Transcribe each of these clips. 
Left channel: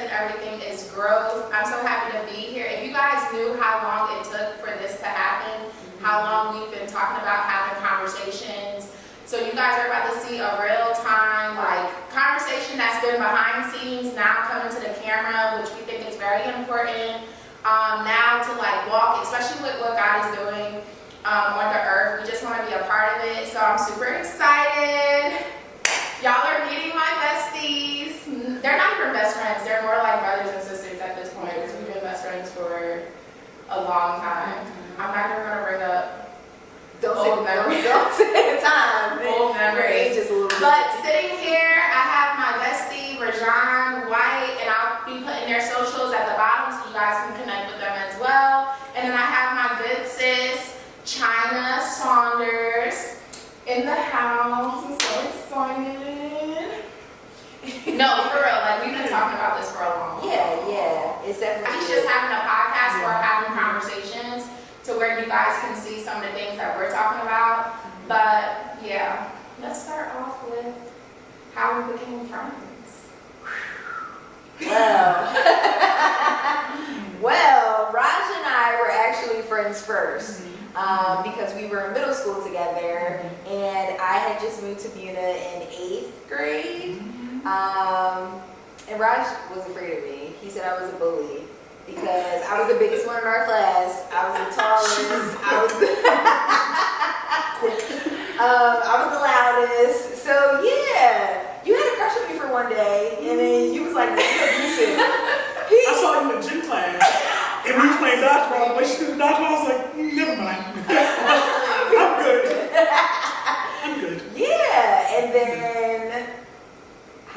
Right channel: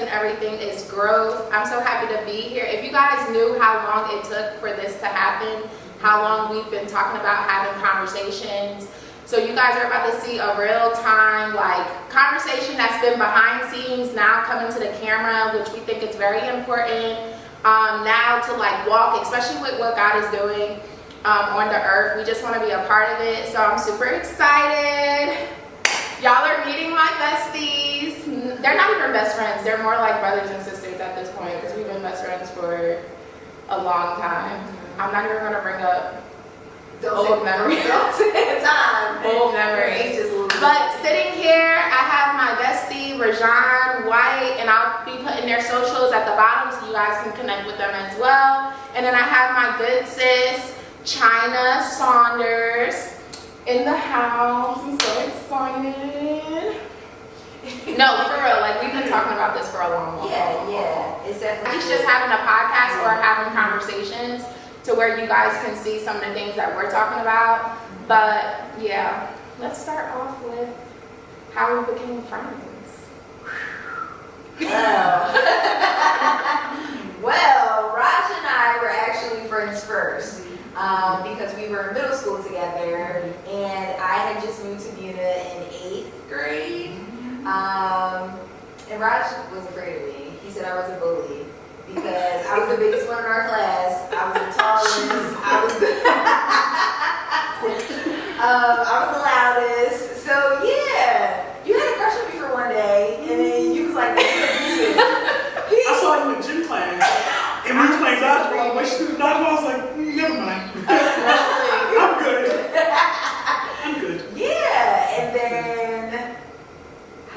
and everything is growth. I'm so happy to be here. If you guys knew how long it took for this to happen, how long we've been talking about having conversations. So you guys are about to see a real time conversation that's been behind scenes now coming to the camera, which we think is very important. Now to walk, especially with what God is doing on the earth. We just want to be a part of it. So I'm super excited. Y'all are meeting my besties. They're not even best friends. They're more like brothers and sisters at this point because we've been best friends for a long time. I'm not even going to bring up old memories. Don't say time. Old memories. But sitting here, I have my bestie, Rajhon White, and I'll be putting their socials at the bottom so you guys can connect with them as well. And then I have my good sis, Chyna Saunders, in the house. I'm so excited. No, for real. We've been talking about this for a long time. Yeah. It's definitely. He's just having a podcast or having conversations to where you guys can see some of the things that we're talking about. But yeah, let's start off with how we became friends. Well, Raj and I were actually friends first. Because we were in middle school together, and I had just moved to Buna in 8th grade. And Raj was afraid of me. He said I was a bully because I was the biggest one in our class. I was the tallest. I was the loudest. So yeah, you had a crush on me for one day, and then you was like, "This is abusive." I saw you in gym class, and we were playing dodgeball. When she did dodgeball, I was like, never mind. I'm good. I'm good. Yeah, and then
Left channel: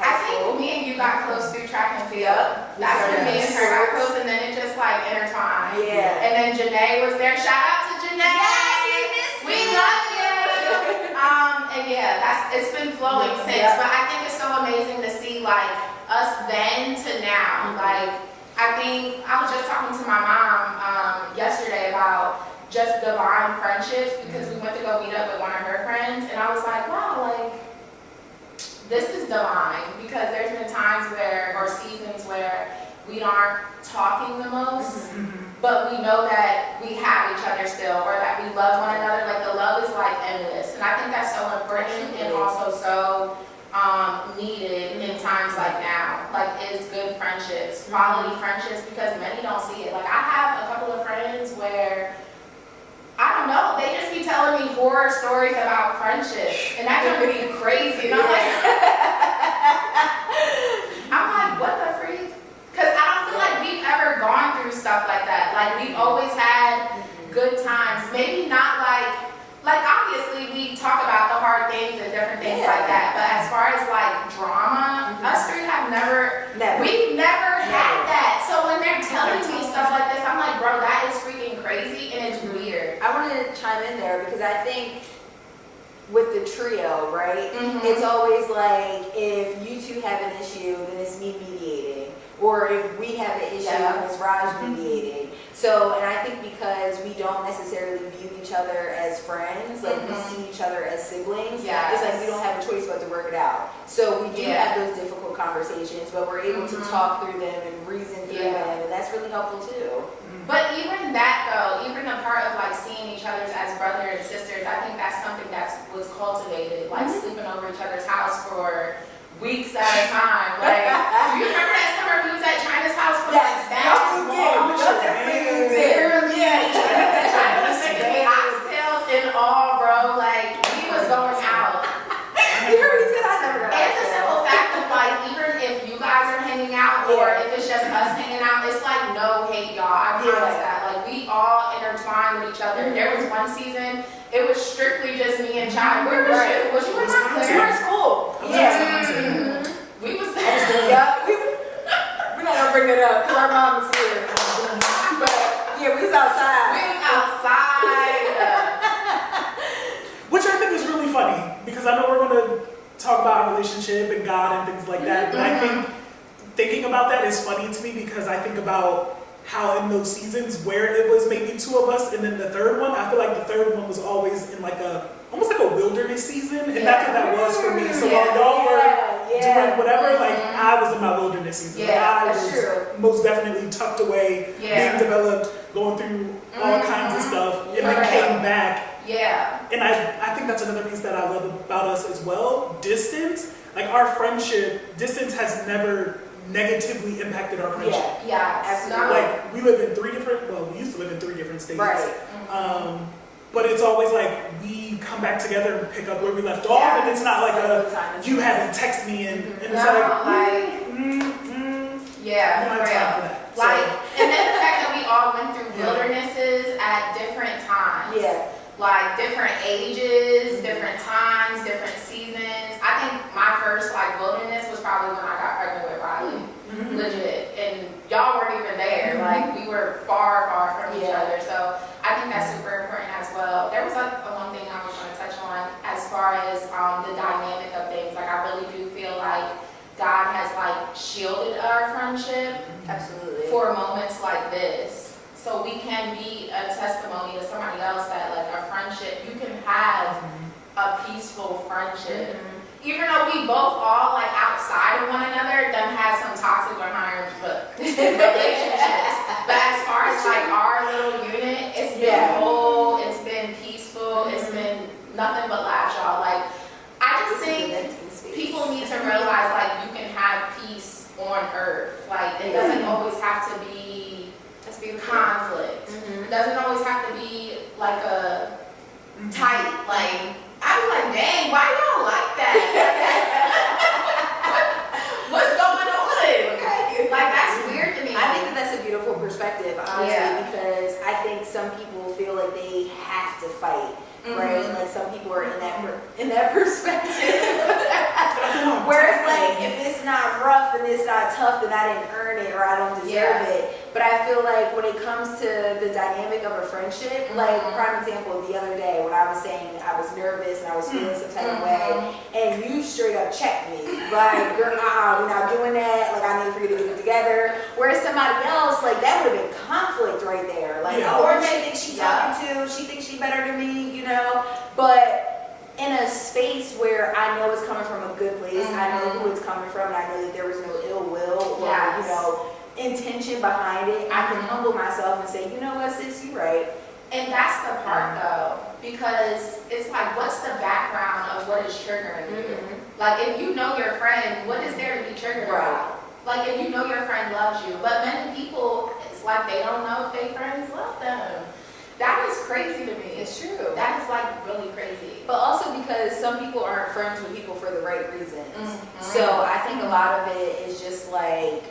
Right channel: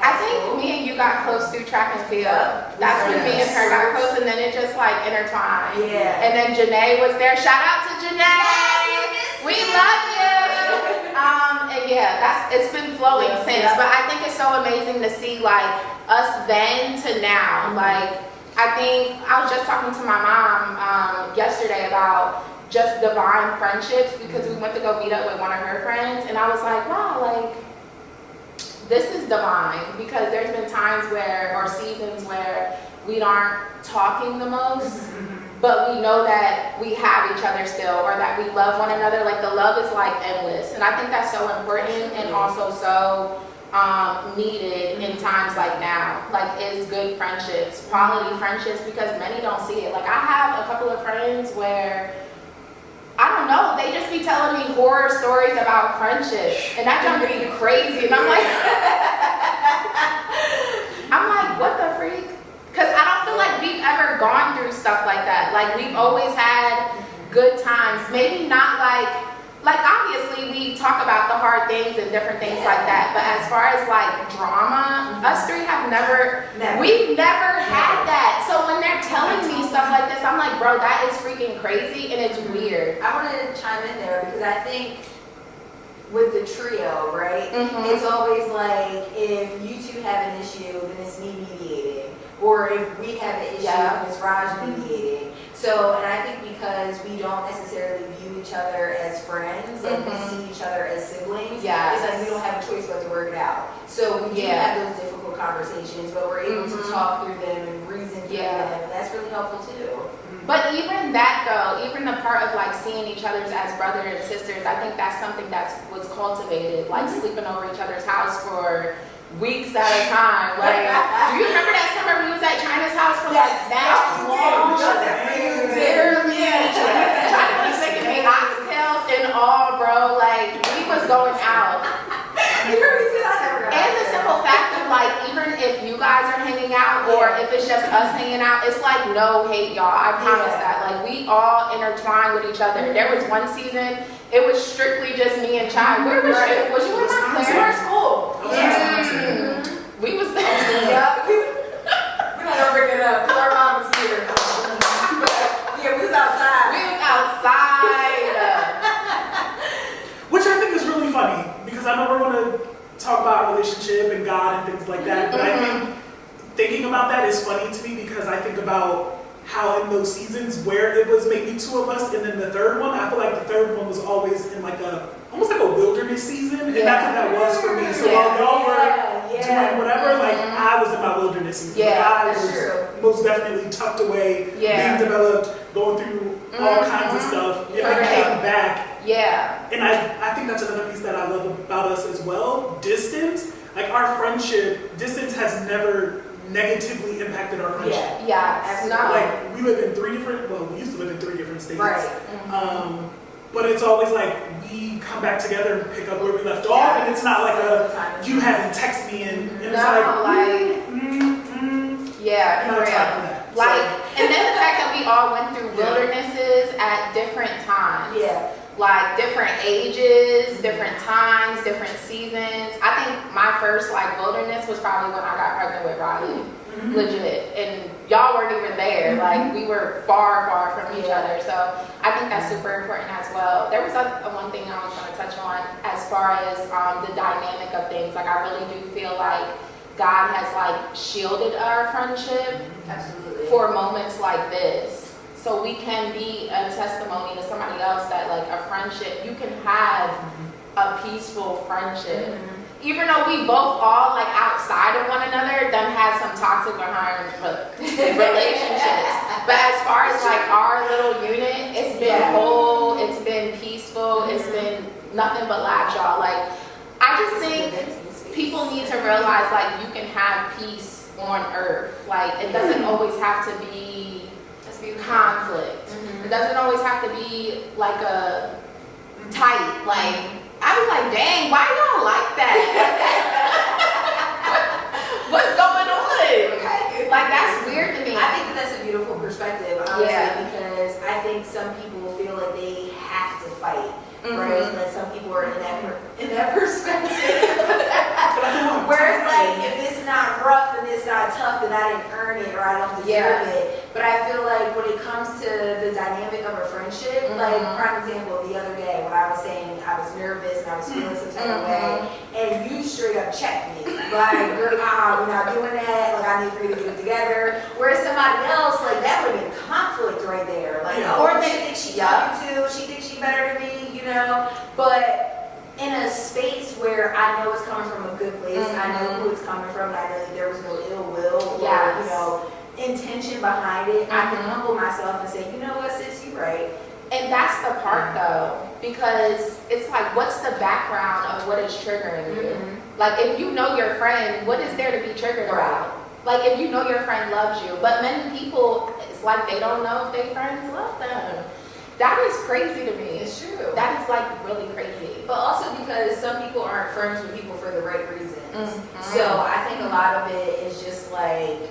I think me and you got close through track and field. That's when me and her got close, and then it just intertwined. Yeah. And then Janae was there. Shout out to Janae. Yes, we love you. And yeah, it's been flowing since. But I think it's so amazing to see us then to now. I think I was just talking to my mom yesterday about just divine friendships because we went to go meet up with one of her friends, and I was like, wow, this is divine because there's been times or seasons where we aren't talking the most, but we know that we have each other still, or that we love one another. The love is endless, and I think that's so important and also so needed in times like now. Is good friendships, quality friendships, because many don't see it. I have a couple of friends where I don't know, they just be telling me horror stories about friendships, and that can be crazy. And I'm like, what the freak? Because I don't feel like we've ever gone through stuff like that. We've always had good times. Maybe not obviously we talk about the hard things and different things like that. But as far as drama, us three have we've never had that. So when they're telling me stuff like this, I'm like, bro, that is freaking crazy and it's weird. I want to chime in there because I think with the trio, right? It's always if you two have an issue, then it's me mediating. Or if we have an issue, it's Raj mediating. So, and I think because we don't necessarily view each other as friends, we see each other as siblings, it's we don't have a choice but to work it out. So we do have those difficult conversations, but we're able to talk through them and reason through them, and that's really helpful too. But even that though, even the part of seeing each other as brothers and sisters, I think that's something that was cultivated, sleeping over each other's house for weeks at a time. Do you remember that summer we was at Chyna's house for that long? Literally, Chyna was making me oxtails and all, bro. We was going out. You heard me say I never got And the simple fact of even if you guys are hanging out or if it's just us hanging out, it's no hate, y'all. I promise that. We all intertwine with each other. There was one season, it was strictly just me and Chai. Where was you? Was you in Montclair? We were in school. We was there. We're not gonna bring it up because our mom is here. But yeah, we was outside. Which I think is really funny because I know we're going to talk about our relationship and God and things like that, but I think thinking about that is funny to me because I think about how in those seasons where it was maybe two of us and then the third one, I feel like the third one was always in almost like a wilderness season, and that's what that was for me. So while y'all were doing whatever, like I was in my wilderness season. Yeah, like, I that's was true. most definitely tucked away, being developed, going through all kinds of stuff, and then came back. Yeah. And I think that's another piece that I love about us as well. Distance, like our friendship, distance has never negatively impacted our friendship. Yeah, absolutely. Like we live in we used to live in 3 different states. Right. But it's always like we come back together and pick up where we left off, and it's not like you haven't texted me and it's yeah, for real. Like, and then the fact that we all went through wildernesses at different times. Yeah. Like different ages, different times, different seasons. I think my first like wilderness was probably when I got pregnant with Riley. Legit. And y'all weren't even there. Like we were far, far from each other. So I think that's super important as well. There was a one thing I was going to touch on as far as the dynamic of things. Like I really do feel like God has like shielded our friendship. Absolutely. For moments like this. So we can be a testimony to somebody else that like a friendship, you can have a peaceful friendship. Even though we both all like outside of one another, then have some toxic behind relationships. But as far as like our little unit, it's been whole, it's been peaceful, it's been nothing but laughs, y'all. Like I just think people need to realize like you can have peace on earth. Like it doesn't always have to be conflict. It doesn't always have to be like a tight, like I be like, dang, why y'all like that? What's going on? Like that's weird to me. I think that's a beautiful perspective, honestly, because I think some people feel like they have to fight, right? Like some people are in that perspective. Where it's like, if it's not rough and it's not tough, then I didn't earn it or I don't deserve it. But I feel like when it comes to the dynamic of a friendship, like prime example, the other day when I was saying I was nervous and I was feeling some type of way, and you straight up checked me, like, girl, we're not doing that, like I need for you to do it together. Whereas somebody else, like that would have been conflict right there. Like, or they think she talking to, she thinks she better than me, you know? But in a space where I know it's coming from a good place, I know who it's coming from, and I know that there was no ill will or, you know, intention behind it, I can humble myself and say, you know what, sis, you're right. And that's the part though, because it's like, what's the background of what is triggering you? Like, if you know your friend, what is there to be triggered about? Like, if you know your friend loves you, but many people, it's like they don't know if their friends love them. That is crazy to me. It's true. That is like really crazy. But also because some people aren't friends with people for the right reasons. So I think a lot of it is just like,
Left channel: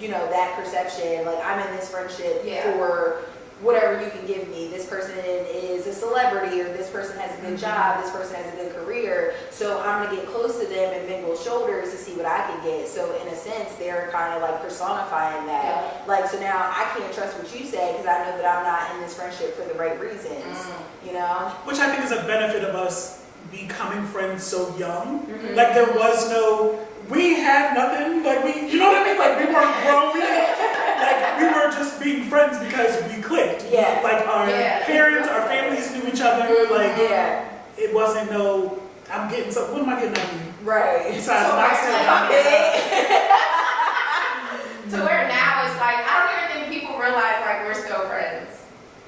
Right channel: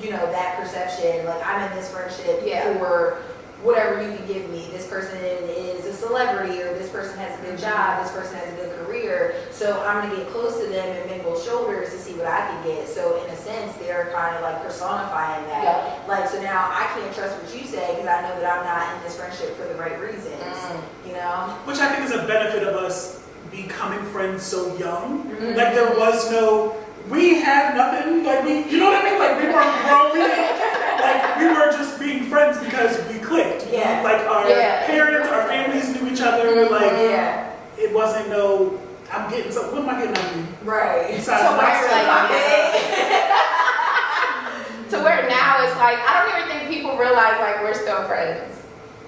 you know, that perception, like I'm in this friendship for whatever you can give me. This person is a celebrity, or this person has a good job, this person has a good career, so I'm gonna get close to them and mingle shoulders to see what I can get. So in a sense, they're kind of like personifying that. Like, so now I can't trust what you say because I know that I'm not in this friendship for the right reasons, you know? Which I think is a benefit of us becoming friends so young. Like there was no, we had nothing, like we, you know what I mean? Like we weren't grown, like we were just being friends because we clicked. Like our parents, our families knew each other, like it wasn't no, I'm getting something, what am I getting out of you? Right. Besides So not saying to where now it's like, I don't even think people realize like we're still friends.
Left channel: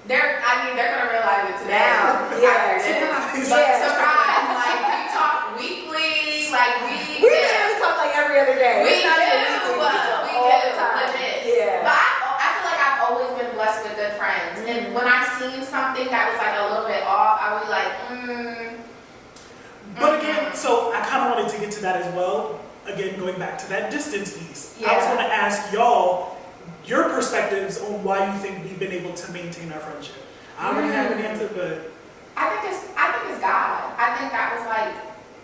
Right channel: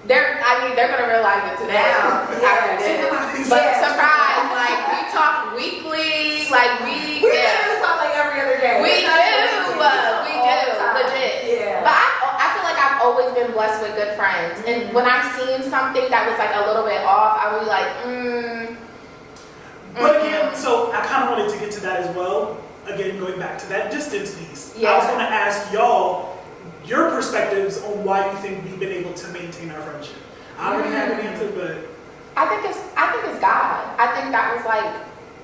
They're gonna realize it today. Now, But surprise, like we talk weekly, like we literally talk like every other day. We do, legit. Yeah. But I feel like I've always been blessed with good friends, and when I've seen something that was like a little bit off, I would be like, But again, so I kind of wanted to get to that as well. Again, going back to that distance piece, I was going to ask y'all your perspectives on why you think we've been able to maintain our friendship. I don't really have an answer, but I think it's God. I think that was like,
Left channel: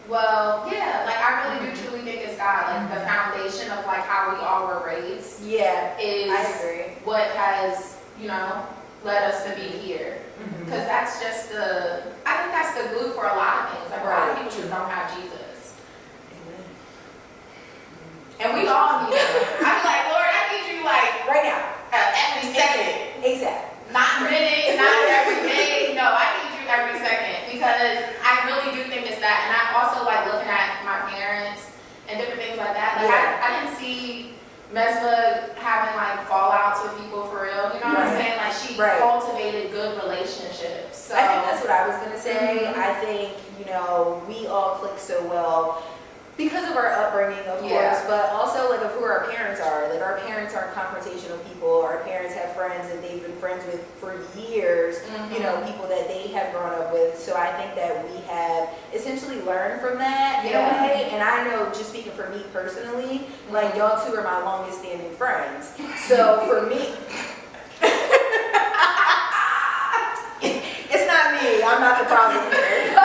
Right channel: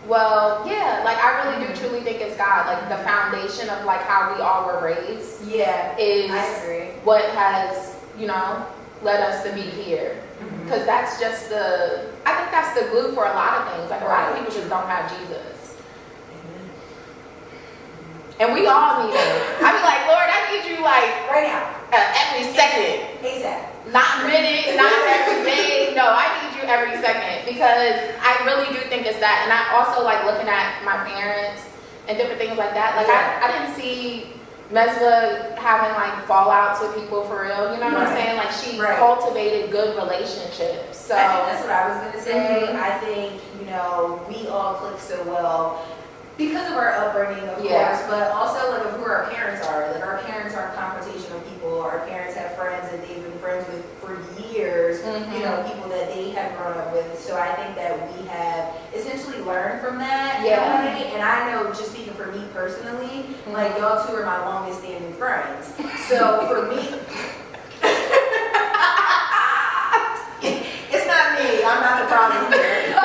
well, yeah, like I really do truly think it's God. Like the foundation of like how we all were raised. Is I agree. What has, you know, led us to be here. Because that's just I think that's the glue for a lot of things. Like a lot of people just don't have Jesus. And we all need him. I be like, Lord, I need you like Right now. Every second. Exactly. Not minute, not every day. No, I need you every second because I I really do think it's that. And I also like looking at my parents and different things like that. Like I didn't see Mesva having like fallouts with people for real. You know what I'm saying? Like she cultivated good relationships. So I think that's what I was gonna say. I think, you know, we all click so well because of our upbringing, of course, but also like of who our parents are. Like our parents aren't confrontational people. Our parents have friends that they've been friends with for years, you know, people that they have grown up with. So I think that we have essentially learned from that in a way. And I know, just speaking for me personally, like y'all two are my longest standing friends. So for me, it's not me. I'm not the problem here.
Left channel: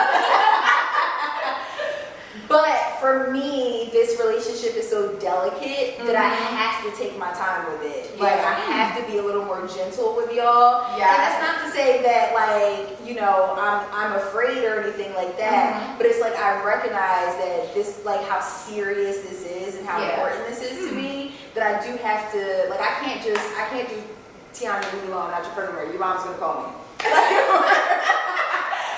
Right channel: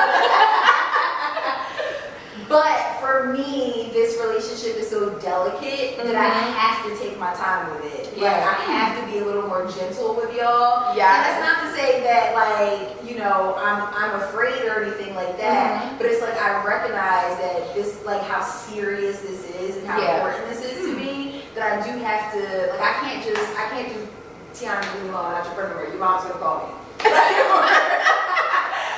But for me, this relationship is so delicate that I have to take my time with it. Like I have to be a little more gentle with y'all. And that's not to say that like, you know, I'm afraid or anything like that. But it's like I recognize that this, like how serious this is and how important this is to me, that I do have to, like I can't do Tiana, leave me alone, not your friend anymore. Your mom's gonna call me.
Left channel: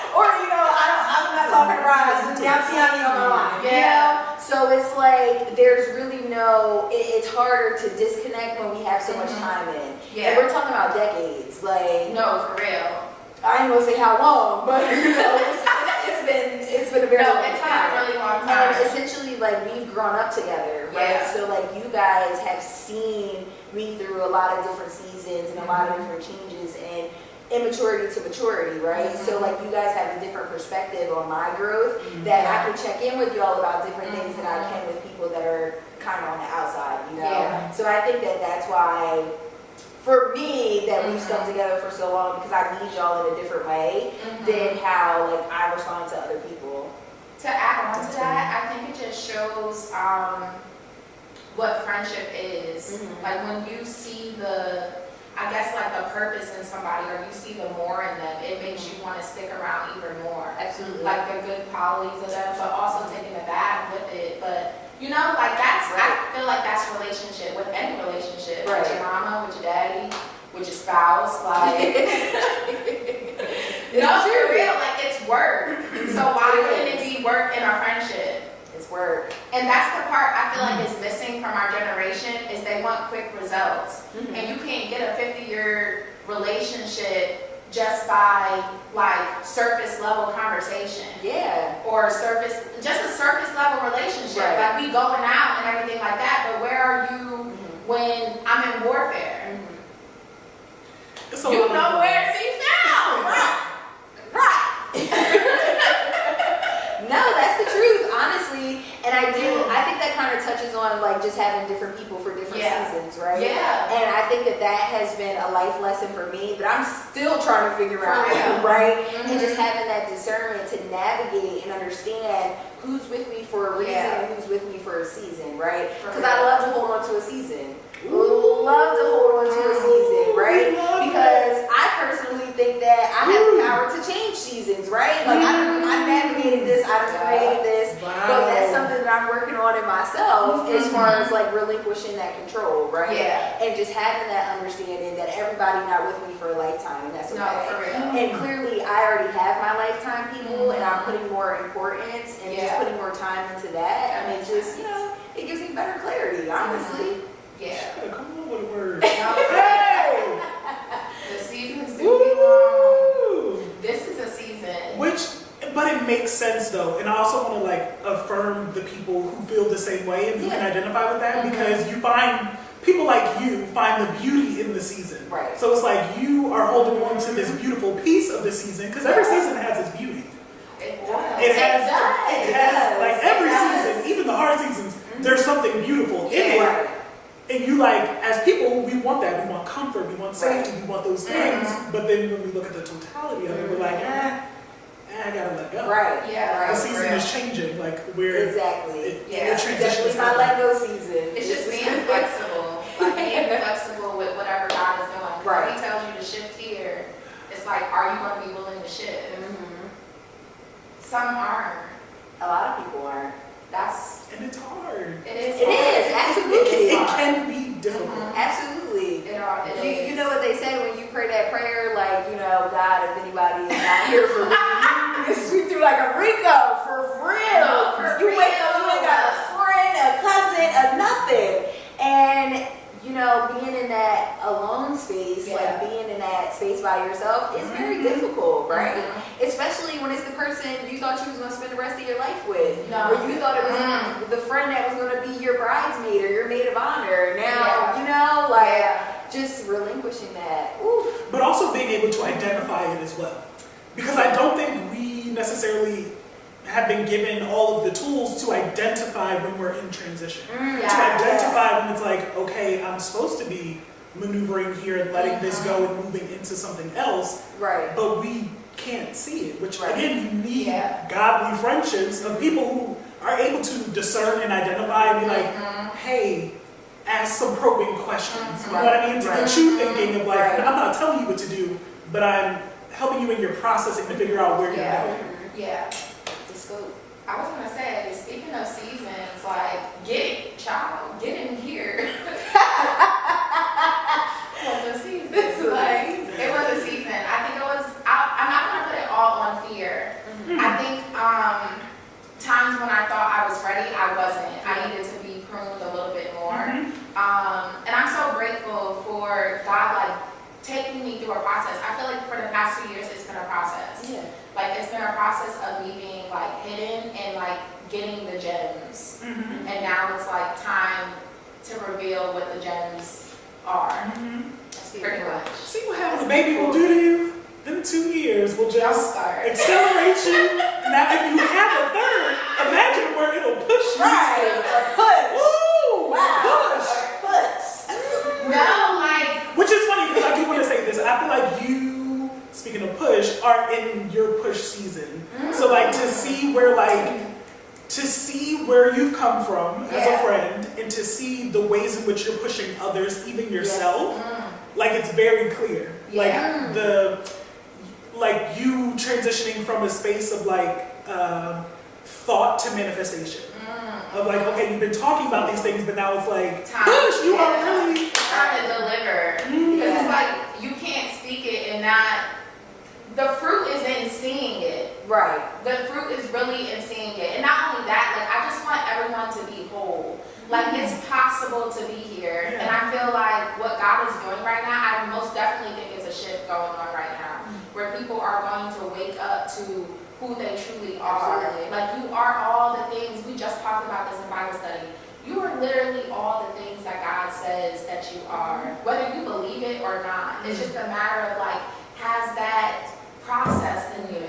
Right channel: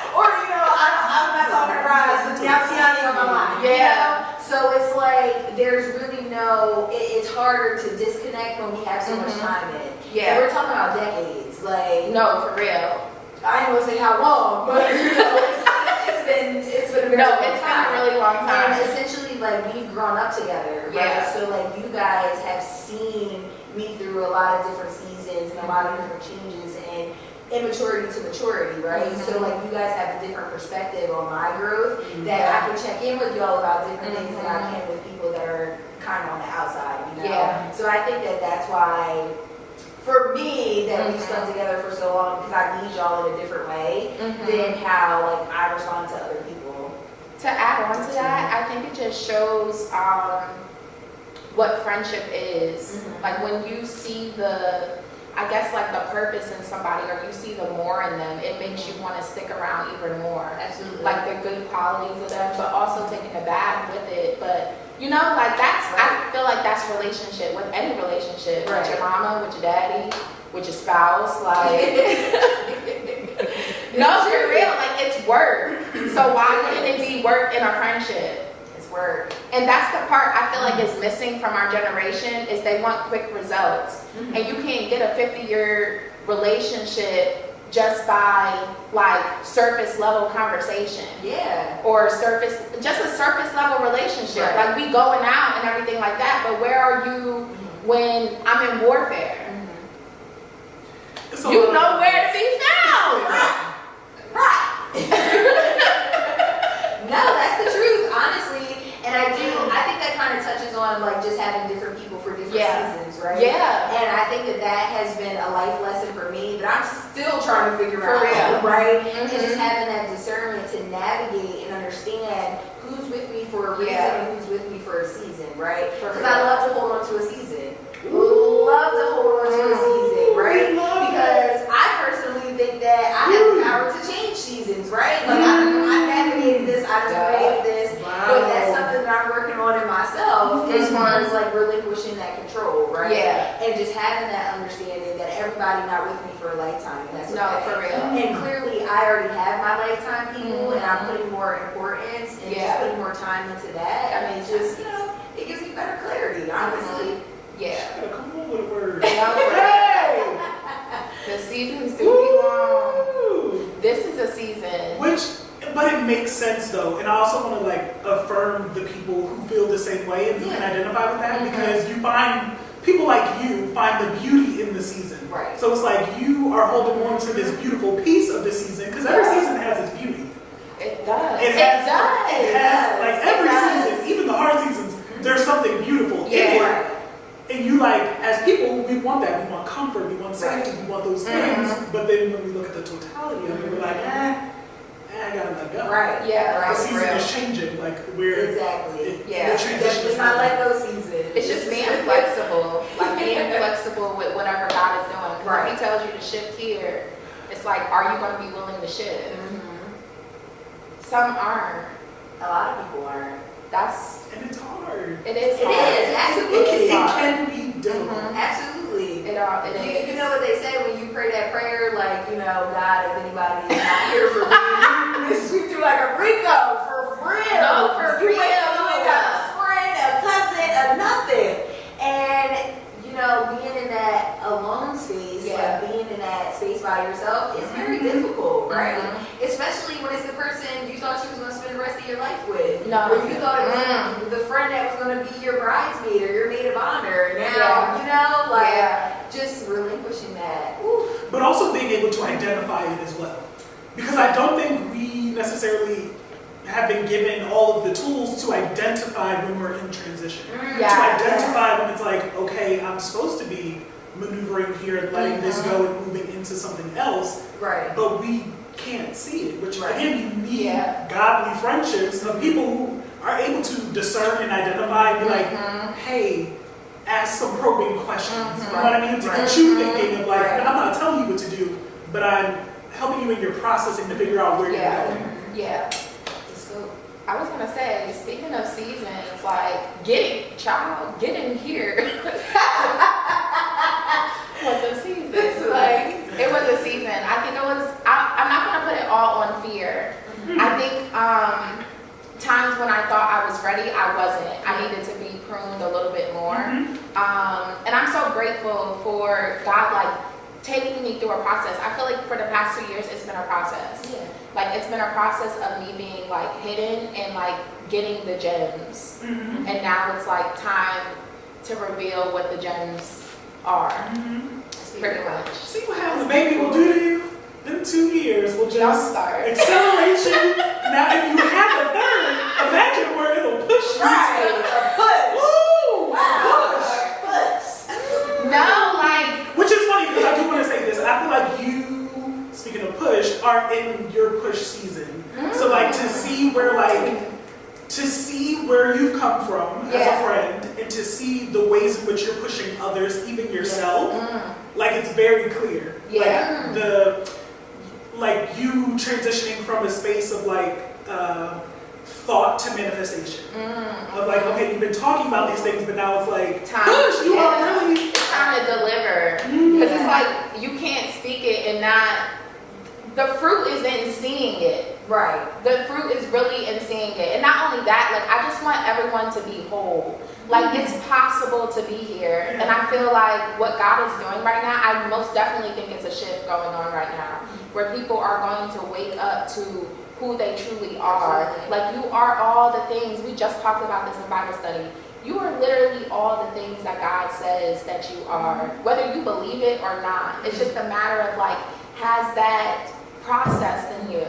Or, you know, I'm not talking to Raj, now Tiana on my line. You know? So it's like, there's really no, it's harder to disconnect when we have so much time in. And we're talking about decades. Like, no, for real. I ain't gonna say how long, but you know, it's been a very long time. It's been a really long time. And essentially, like, we've grown up together, right? So, like, you guys have seen me through a lot of different seasons and a lot of different changes and immaturity to maturity, right? So like you guys have a different perspective on my growth that I can check in with y'all about different things than I can with people that are kind of on the outside, you know? So I think that that's why, for me, that we've stuck together for so long, because I need y'all in a different way than how like I respond to other people. To add on to that, I think it just shows what friendship is. Like when you see I guess like the purpose in somebody, or you see the more in them, it makes you want to stick around even more. Absolutely. Like the good qualities of them, but also taking the bad with it. But you know, like that's, I feel like that's relationship, with any relationship. With your mama, with your daddy, with your spouse, like. No, for real, like it's work. So why wouldn't it be work in a friendship? Work. And that's the part I feel like is missing from our generation, is they want quick results. And you can't get a 50-year relationship just by like surface level conversation. Or just a surface level relationship. Like we going out and everything like that, but where are you when I'm in warfare? You know where to be found. No, that's the truth, honestly. And I think that kind of touches on like just having different people for different seasons, right? And I think that has been a life lesson for me that I'm still trying to figure out, right? And just having that discernment to navigate and understand who's with me for a reason and who's with me for a season, right? Because I love to hold on to a season. Love to hold on to a season, right? Because I personally think that I have the power to change seasons, right? Like I navigated this, I created this, but that's something that I'm working on in myself as far as like relinquishing that control, right? And just having that understanding that everybody not with me for a lifetime, and that's okay. No, for real. And clearly, I already have my lifetime people, and I'm putting more importance and just putting more time into that. I mean, just, you know, it gives me better clarity, honestly. Come on with a word. Hey! The seasons do be long. This is a season. But it makes sense though, and I also want to like affirm the people who feel the same way and who can identify with that, because you find people like you find the beauty in the season. So it's like you are holding on to this beautiful piece of the season, because every season has its beauty. It does. It has like every season, even the hard seasons, there's something beautiful in it. And you like, as people, we want that. We want comfort, we want safety, we want those things. But then when we look at the totality of it, we're like, I gotta let go. The season is changing. Like we're Definitely my let go season. It's just being flexible, like being flexible with whatever God is doing. If He tells you to shift here, it's like, are you going to be willing to shift? Some aren't. A lot of people aren't. And it's hard. It is. Absolutely. It can be difficult. Absolutely. It is. You know what they say when you pray that prayer, like, you know, God, if anybody is not here for me, you sweep through you like a Rico for real. No, for you real. wake up, you ain't got a friend, a cousin, a nothing. And you know, being in that alone space, like being in that space by yourself, is very difficult, right? Especially when it's the person you thought you was going to spend the rest of your life with. No. Or you thought it was the friend that was going to be your bridesmaid or your maid of honor. Now, you know, like, just relinquishing that. Ooh. But also being able to identify it as well. Because I don't think we necessarily have been given all of the tools to identify when we're in transition. To identify when it's like, okay, I'm supposed to be maneuvering here and letting this go and moving into something else. Right. But we can't see it, which again, you need godly friendships of people who are able to discern and identify and be like, hey, ask some probing questions. You know what I mean? To get you thinking of like, I'm not telling you what to do, but I'm helping you in your processing to figure out where you're going. Yeah. I was gonna say, speaking of seasons, like, get in here. Was a season. It was a season. I think it was, I'm not gonna put it all on fear. I think times when I thought I was ready, I wasn't. I needed to be pruned a little bit more. And I'm so grateful for God, like, taking me through a process. I feel like for the past 2 years, it's been a process. Like, it's been a process of me being, like, hidden and, like, getting the gems. And now it's, like, time to reveal what the gems are. Pretty much. See what happens, baby will do to you? In 2 years, will just accelerate you. Now, if you have a third, imagine where it'll push you. Right, a push. Woo! Wow. Push. No, like... Which is funny, because I do want to say this. I feel like you, speaking of push, are in your push season. So, like, to see where you've come from as a friend, and to see the ways in which you're pushing others, even yourself, like, it's very clear. Like you transitioning from a space of like thought to manifestation. Of like, okay, you've been talking about these things, but now it's like, push, you are really... It's time to deliver. Because it's like, you can't speak it and not... The fruit is in seeing it. Right. The fruit is really in seeing it. And not only that, like, I just want everyone to be whole. Like, it's possible to be here. And I feel like what God is doing right now, I most definitely think it's a shift going on right now. Where people are going to wake up to who they truly are. Absolutely. Like, you are all the things. We just talked about this in Bible study. You are literally all the things that God says that you are. Whether you believe it or not. It's just a matter of, like, has that processed in you?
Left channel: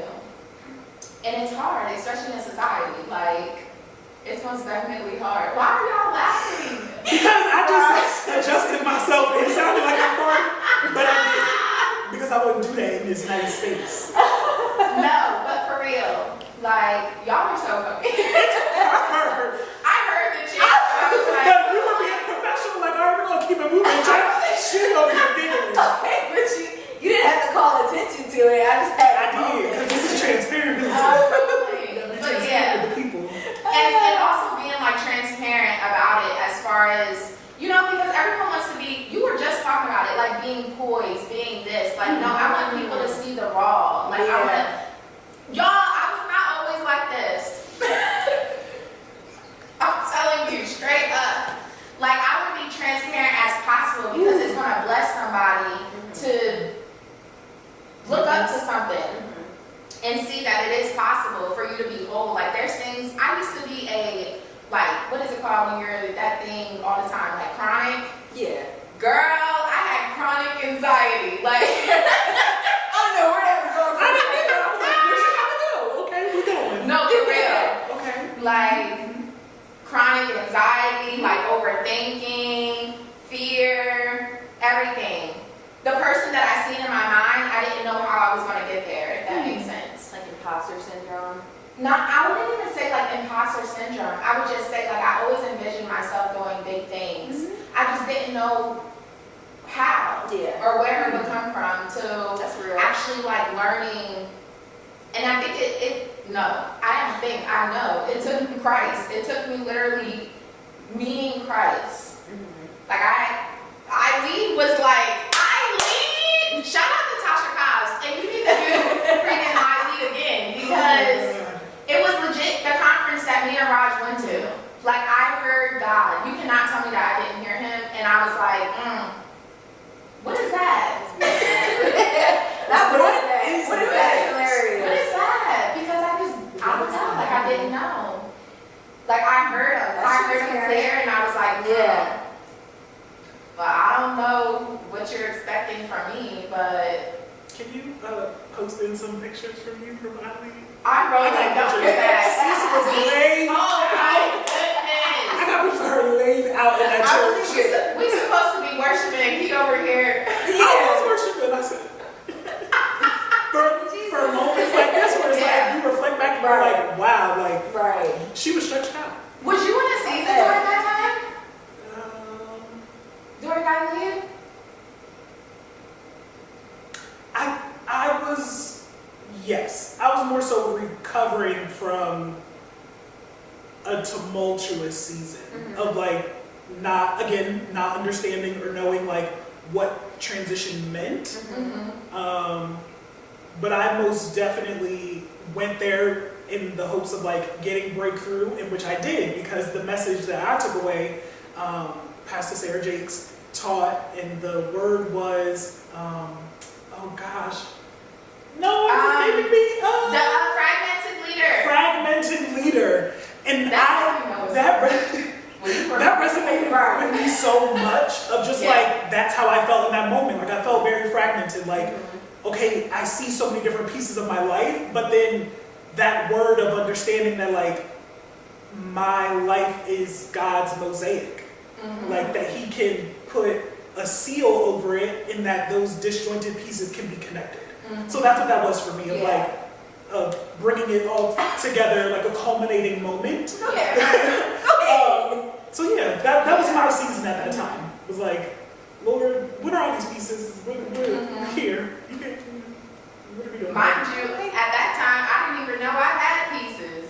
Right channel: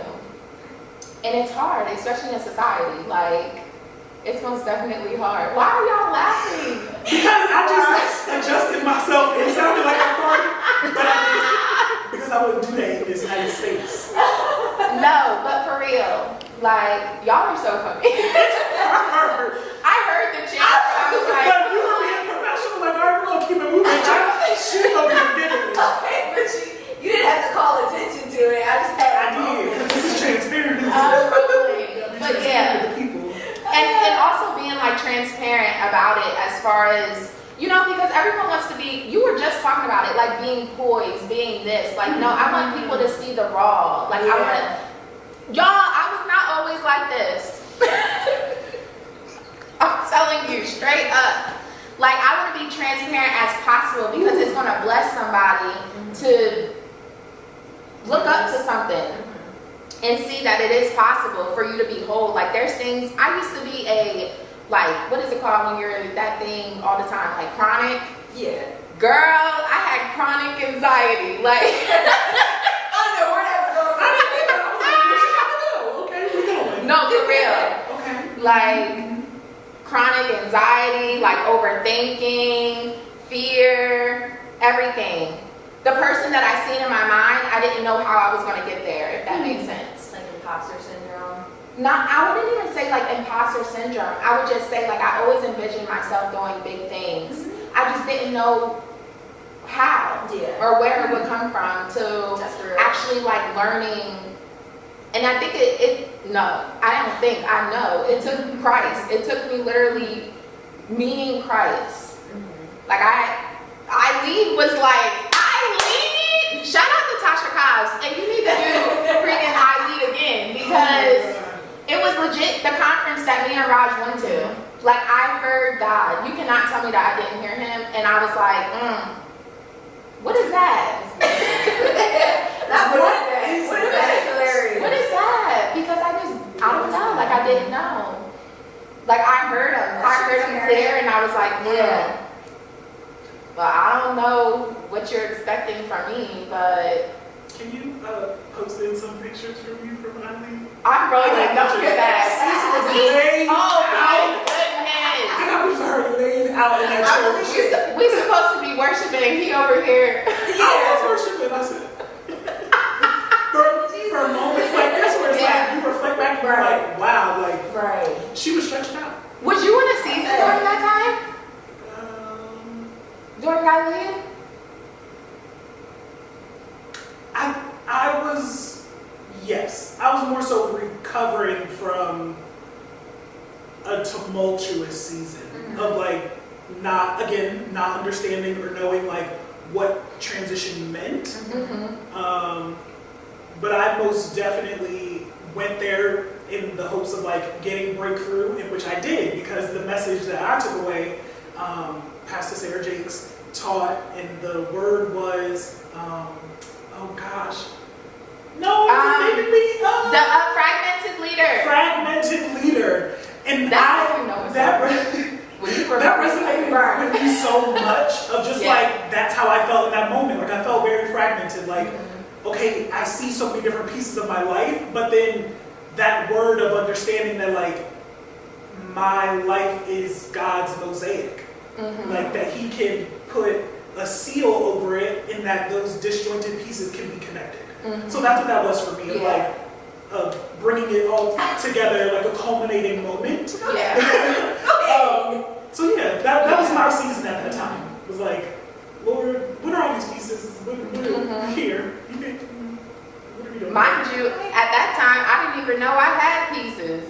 And it's hard, especially in society. Like, it's most definitely hard. Why are y'all laughing? Because I just adjusted myself. It sounded like I farted, but I didn't. Because I wouldn't do that in this United States. No, but for real, like, y'all are so funny. I heard the chant, but I was like... But you were being professional, like, all right, we're going to keep it moving. She's over here giggling. Okay, but you didn't have to call attention to it. I just had I did, because this is transparency. But yeah. With the people. And also being, like, transparent about it as far as, you know, because everyone wants to be, you were just talking about it, like being poised, being this. Like, no, I want people to see the raw. Like, I want to, y'all, I was not always like this. I'm telling you, straight up. Like, I want to be transparent as possible because it's going to bless somebody to look up to something. And see that it is possible for you to be whole. Like, there's things, I used to be like, what is it called when you're that thing all the time? Like, chronic? Yeah. Girl, I had chronic anxiety. Like, I don't know where that was going from. I didn't think that. I was like, where's she gonna go? Okay, we're going. no, for real. Okay. Like, chronic anxiety, like overthinking, fear, everything. The person that I seen in my mind, I didn't know how I was going to get there, if that makes sense. Like imposter syndrome. I wouldn't even say like imposter syndrome. I would just say like I always envisioned myself doing big things. I just didn't know how or where it would come from to actually like learning. And I think I know. It took Christ. It took me literally meeting Christ. Like Eileen was like, Eileen! Shout out to Tasha Cobbs. And you need to do freaking Eileen again because conference that me and Raj went to. Like, I heard God. You cannot tell me that I didn't hear him. And I was like, what is that? What is that? It's hilarious. What is that? Because I don't know. Like, I didn't know. Like, I heard him. I heard him clear, and I was like, yeah. But I don't know what you're expecting from me, but... Can you post in some pictures from you from Eileen? I'm rolling like, don't do that. Sis was laid Oh, my out. goodness. I got pictures of her laid out in that church. We supposed to be worshiping, and he over here. I was worshiping. I said, for moments like this, where it's like you reflect back and you're like, wow, like she was stretched out. Was you in a season during that time? During Eileen? I was, yes. I was more so recovering from a tumultuous season of like not understanding or knowing like what transition meant. But I most definitely went there in the hopes of like getting breakthrough, in which I did, because the message that I took away, Pastor Sarah Jakes taught, and the word was, oh gosh, no, it's escaping me. The fragmented leader. Fragmented leader, and that resonated with me so much. Of just like that's how I felt in that moment. Like I felt very fragmented. Like okay, I see so many different pieces of my life, but then that word of understanding that like my life is God's mosaic. Like that He can put a seal over it, and that those disjointed pieces can be connected. So that's what that was for me, of like bringing it all together, like a culminating moment. So yeah, that was my season at that time. It was like, Lord, what are all these pieces? We're here. What are we doing? Mind you, at that time, I didn't even know I had pieces.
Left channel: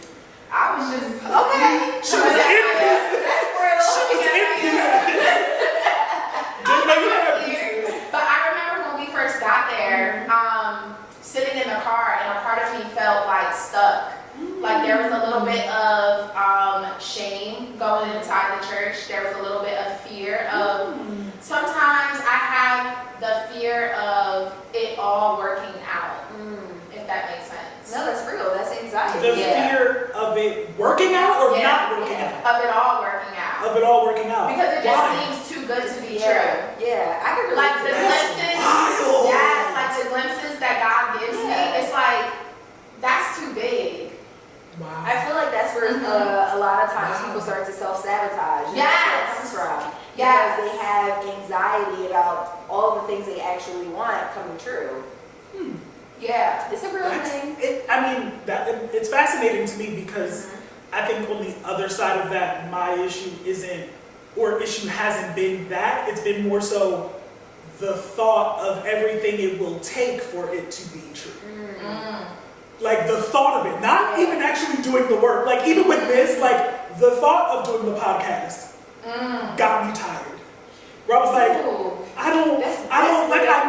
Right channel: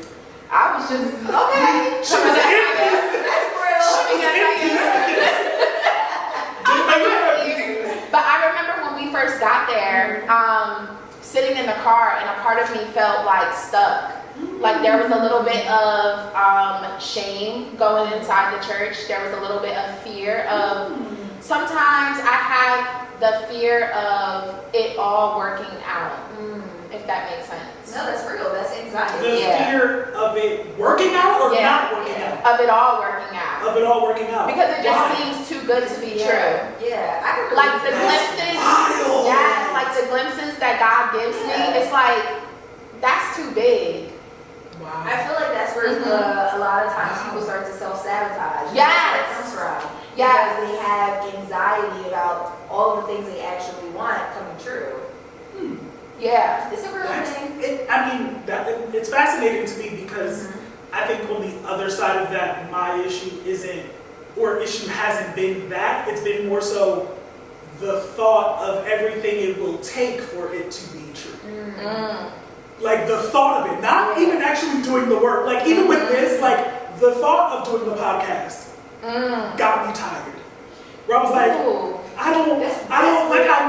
I was just, okay. She was in pieces. That's real. She was in pieces. But I remember when we first got there, sitting in the car, and a part of me felt like stuck. Like there was a little bit of shame going inside the church. There was a little bit of fear of, sometimes I have the fear of it all working out, if that makes sense. No, that's real. That's anxiety. The fear of it working out or not working out? Of it all working out. Of it all working out. Because it just seems too good to be true. Yeah, I can relate. Like the glimpses, like the glimpses that God gives me, it's like, that's too big. Wow. I feel like that's where a lot of times people start to self-sabotage. That's where it comes from. Because they have anxiety about all the things they actually want coming true. Yeah, it's a real thing. It's fascinating to me because I think on the other side of that, my issue hasn't been that. It's been more so the thought of everything it will take for it to be true. Like the thought of it, not even actually doing the work. Like even with this, like the thought of doing the podcast got me tired. Where I was like, I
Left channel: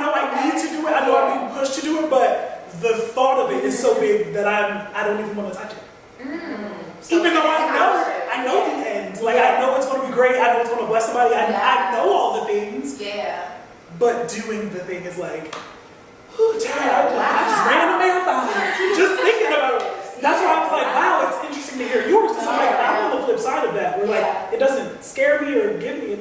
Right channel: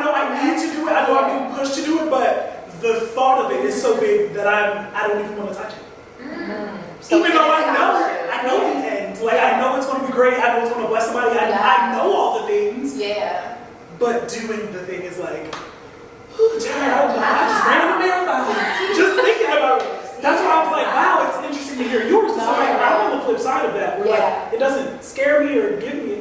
know I need to do it. I know I'm being pushed to do it, but the thought of it is so big that I don't even want to touch it. Even though I know the end. Like I know it's going to be great. I know it's going to bless somebody. I know all the things. Yeah. But doing the thing is like, tired. I just ran a marathon. Just thinking about it. That's why I was like, wow, it's interesting to hear yours. Because I'm like, I'm on the flip side of that. Where like, it doesn't scare me or give me,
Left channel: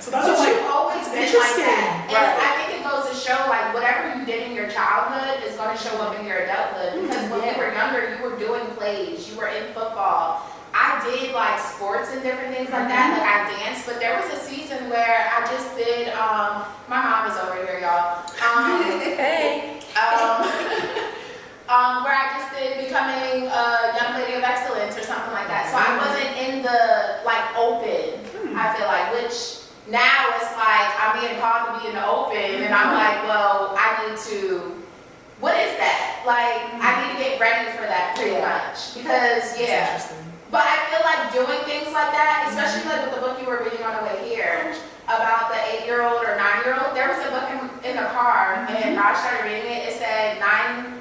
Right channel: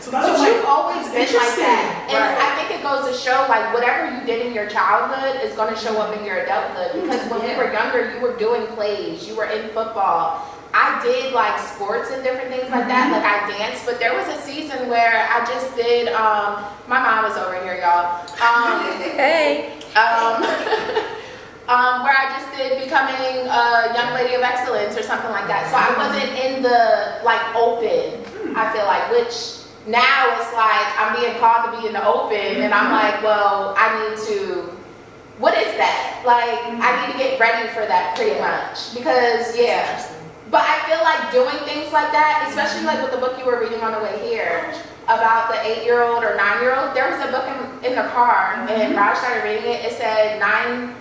So that's But like, you've always been like that. And I think it goes to show, like, whatever you did in your childhood is going to show up in your adulthood. Because when we were younger, you were doing plays. You were in football. I did, like, sports and different things like that. Like, I danced. But there was a season where I just did, my mom is over here, y'all. Where I just did becoming a young lady of excellence or something like that. So I wasn't in the, like, open, I feel like, which now it's like I'm being called to be in the open, and I'm like, well, I need to, what is that? Like, I need to get ready for that pretty much. Because, but I feel like doing things like that, especially like with the book you were reading on the way here, about the 8-year-old or 9-year-old, there was a book in the car, and Raj started reading it. It said 9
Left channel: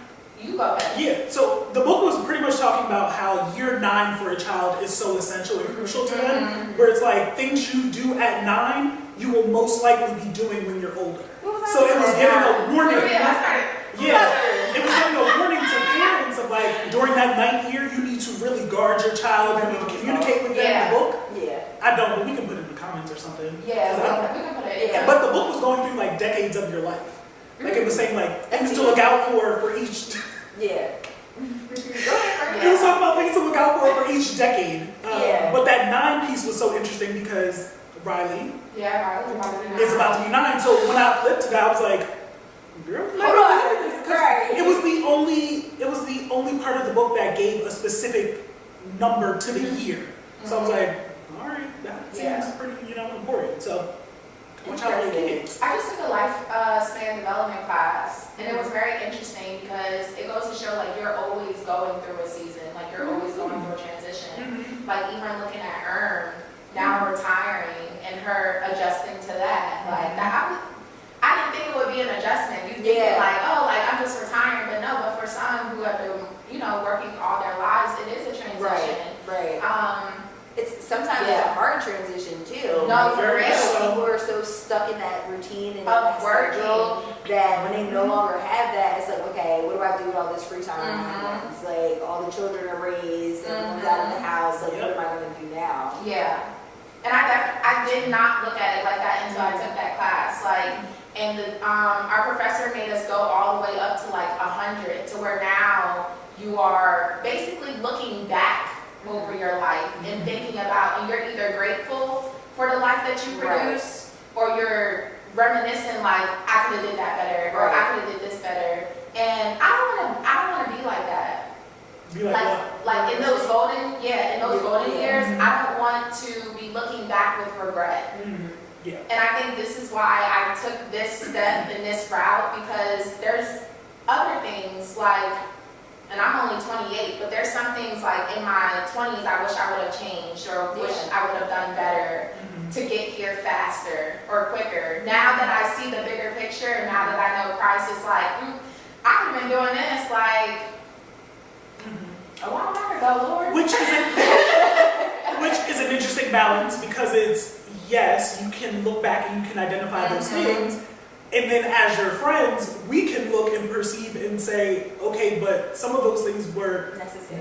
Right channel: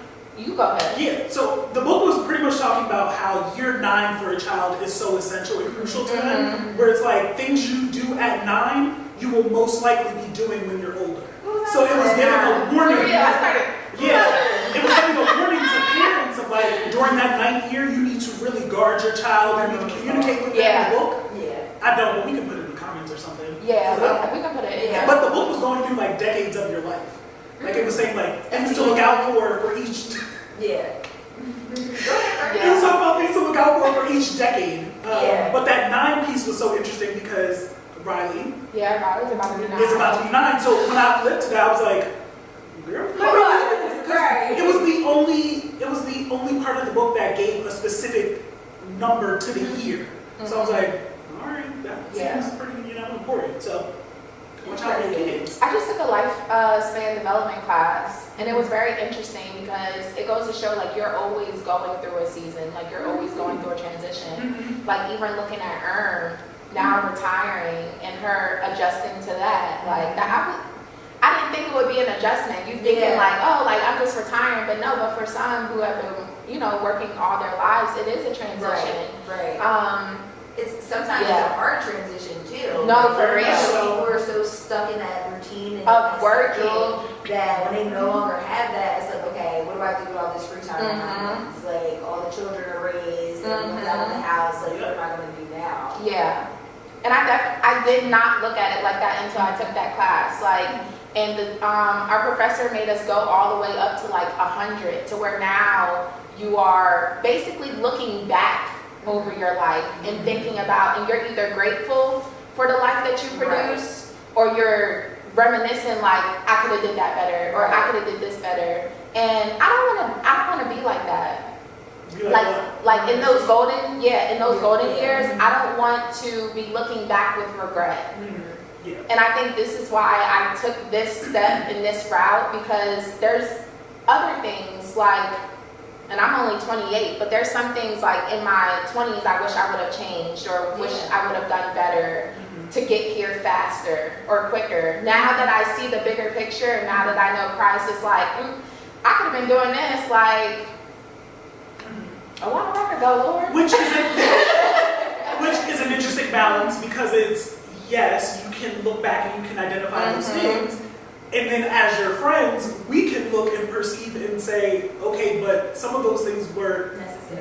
You go ahead. Yeah, so the book was pretty much talking about how year 9 for a child is so essential and crucial to them, where it's like things you do at 9, you will most likely be doing when you're older. So it was giving a warning. Yeah, it was giving a warning to parents of like, during that 9th year, you need to really guard your child, you need to communicate with them in the book. Yeah. I don't, but we can put it in the comments or something. Yeah, we can put it in. Yeah. But the book was going through like decades of your life. Like it was saying like things to look out for each. Yeah. It was talking about things to look out for each decade. Yeah. But that 9 piece was so interesting because Riley Riley's about to be 9. is about to be 9. So when I flipped to that, I was like, girl, Right. it was the only part of the book that gave a specific number to the year. So I was like, all right, that seems pretty, important. So watch out for your kids. I just took a lifespan development class, and it was very interesting because it goes to show like you're always going through a season, like you're always going through a transition. Like even looking at now retiring and her adjusting to that, like that. I didn't think it would be an adjustment. You thinking like, oh, like I'm just retiring, but no. But for some who have been, working all their lives, it is a transition. Right. It's sometimes it's a hard transition too. No, for real. People are so stuck in that routine and of that working that when they no longer have that, it's like, okay, what do I do with all this free time? It's like all the children are raised, everyone's out of the house. Like, what am I going to do now? Yeah, and I did not look at it like that until I took that class. Like, and our professor made us go all the way up to like 100, to where now you are basically looking back over your life and thinking about, and you're either grateful for the life that you produce, or you're reminiscing like, I could have did that better, or I could have did this better. And I don't want to be like that. Be like in those golden years, I don't want to be looking back with regret. Yeah. And I think this is why I took this step in this route, because there's other things like, and I'm only 28, but there's some things like in my 20s I wish I would have changed, or wish I would have done better to get here faster or quicker. Now that I see the bigger picture, and now that I know Christ is like, I could have been doing this like a while back ago, Lord. Which is an interesting balance, because it's, yes, you can look back and you can identify those things. And then as your friends, we can look and perceive and say, okay, but some of those things were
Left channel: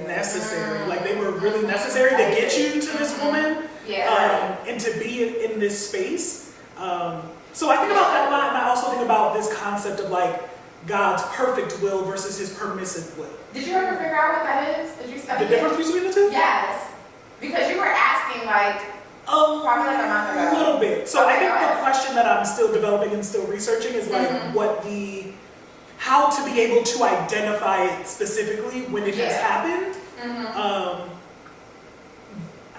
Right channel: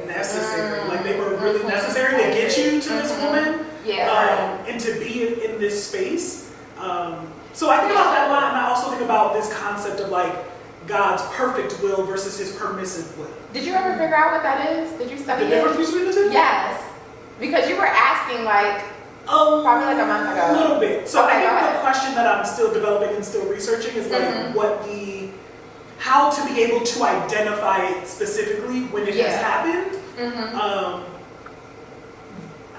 necessary. Like they were really necessary to get you to this woman. And to be in this space. So I think about that a lot, and I also think about this concept of like God's perfect will versus his permissive will. Did you ever figure out what that is? Did you study the difference between the two? Yes. Because you were asking like, probably like a month ago. A little bit. So I think the question that I'm still developing and still researching is like how to be able to identify it specifically when it has happened.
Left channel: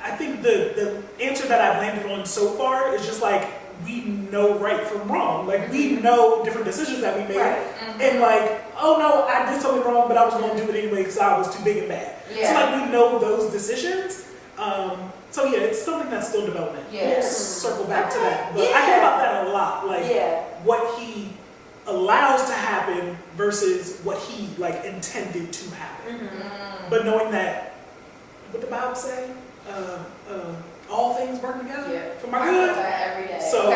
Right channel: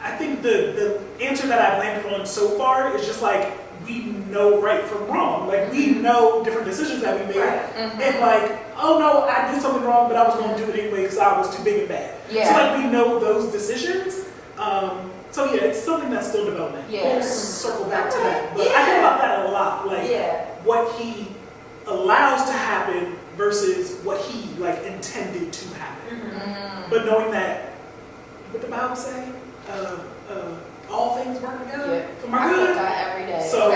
I think the answer that I've landed on so far is just like, we know right from wrong. Like we know different decisions that we made. And like, oh no, I did something wrong, but I was going to do it anyway because I was too big and bad. So like we know those decisions. So yeah, it's something that's still developing. We'll circle back to that. But I think about that a lot. Like what he allows to happen versus what he like intended to happen. But knowing that, what the Bible say, all things work together for my good. Every day. So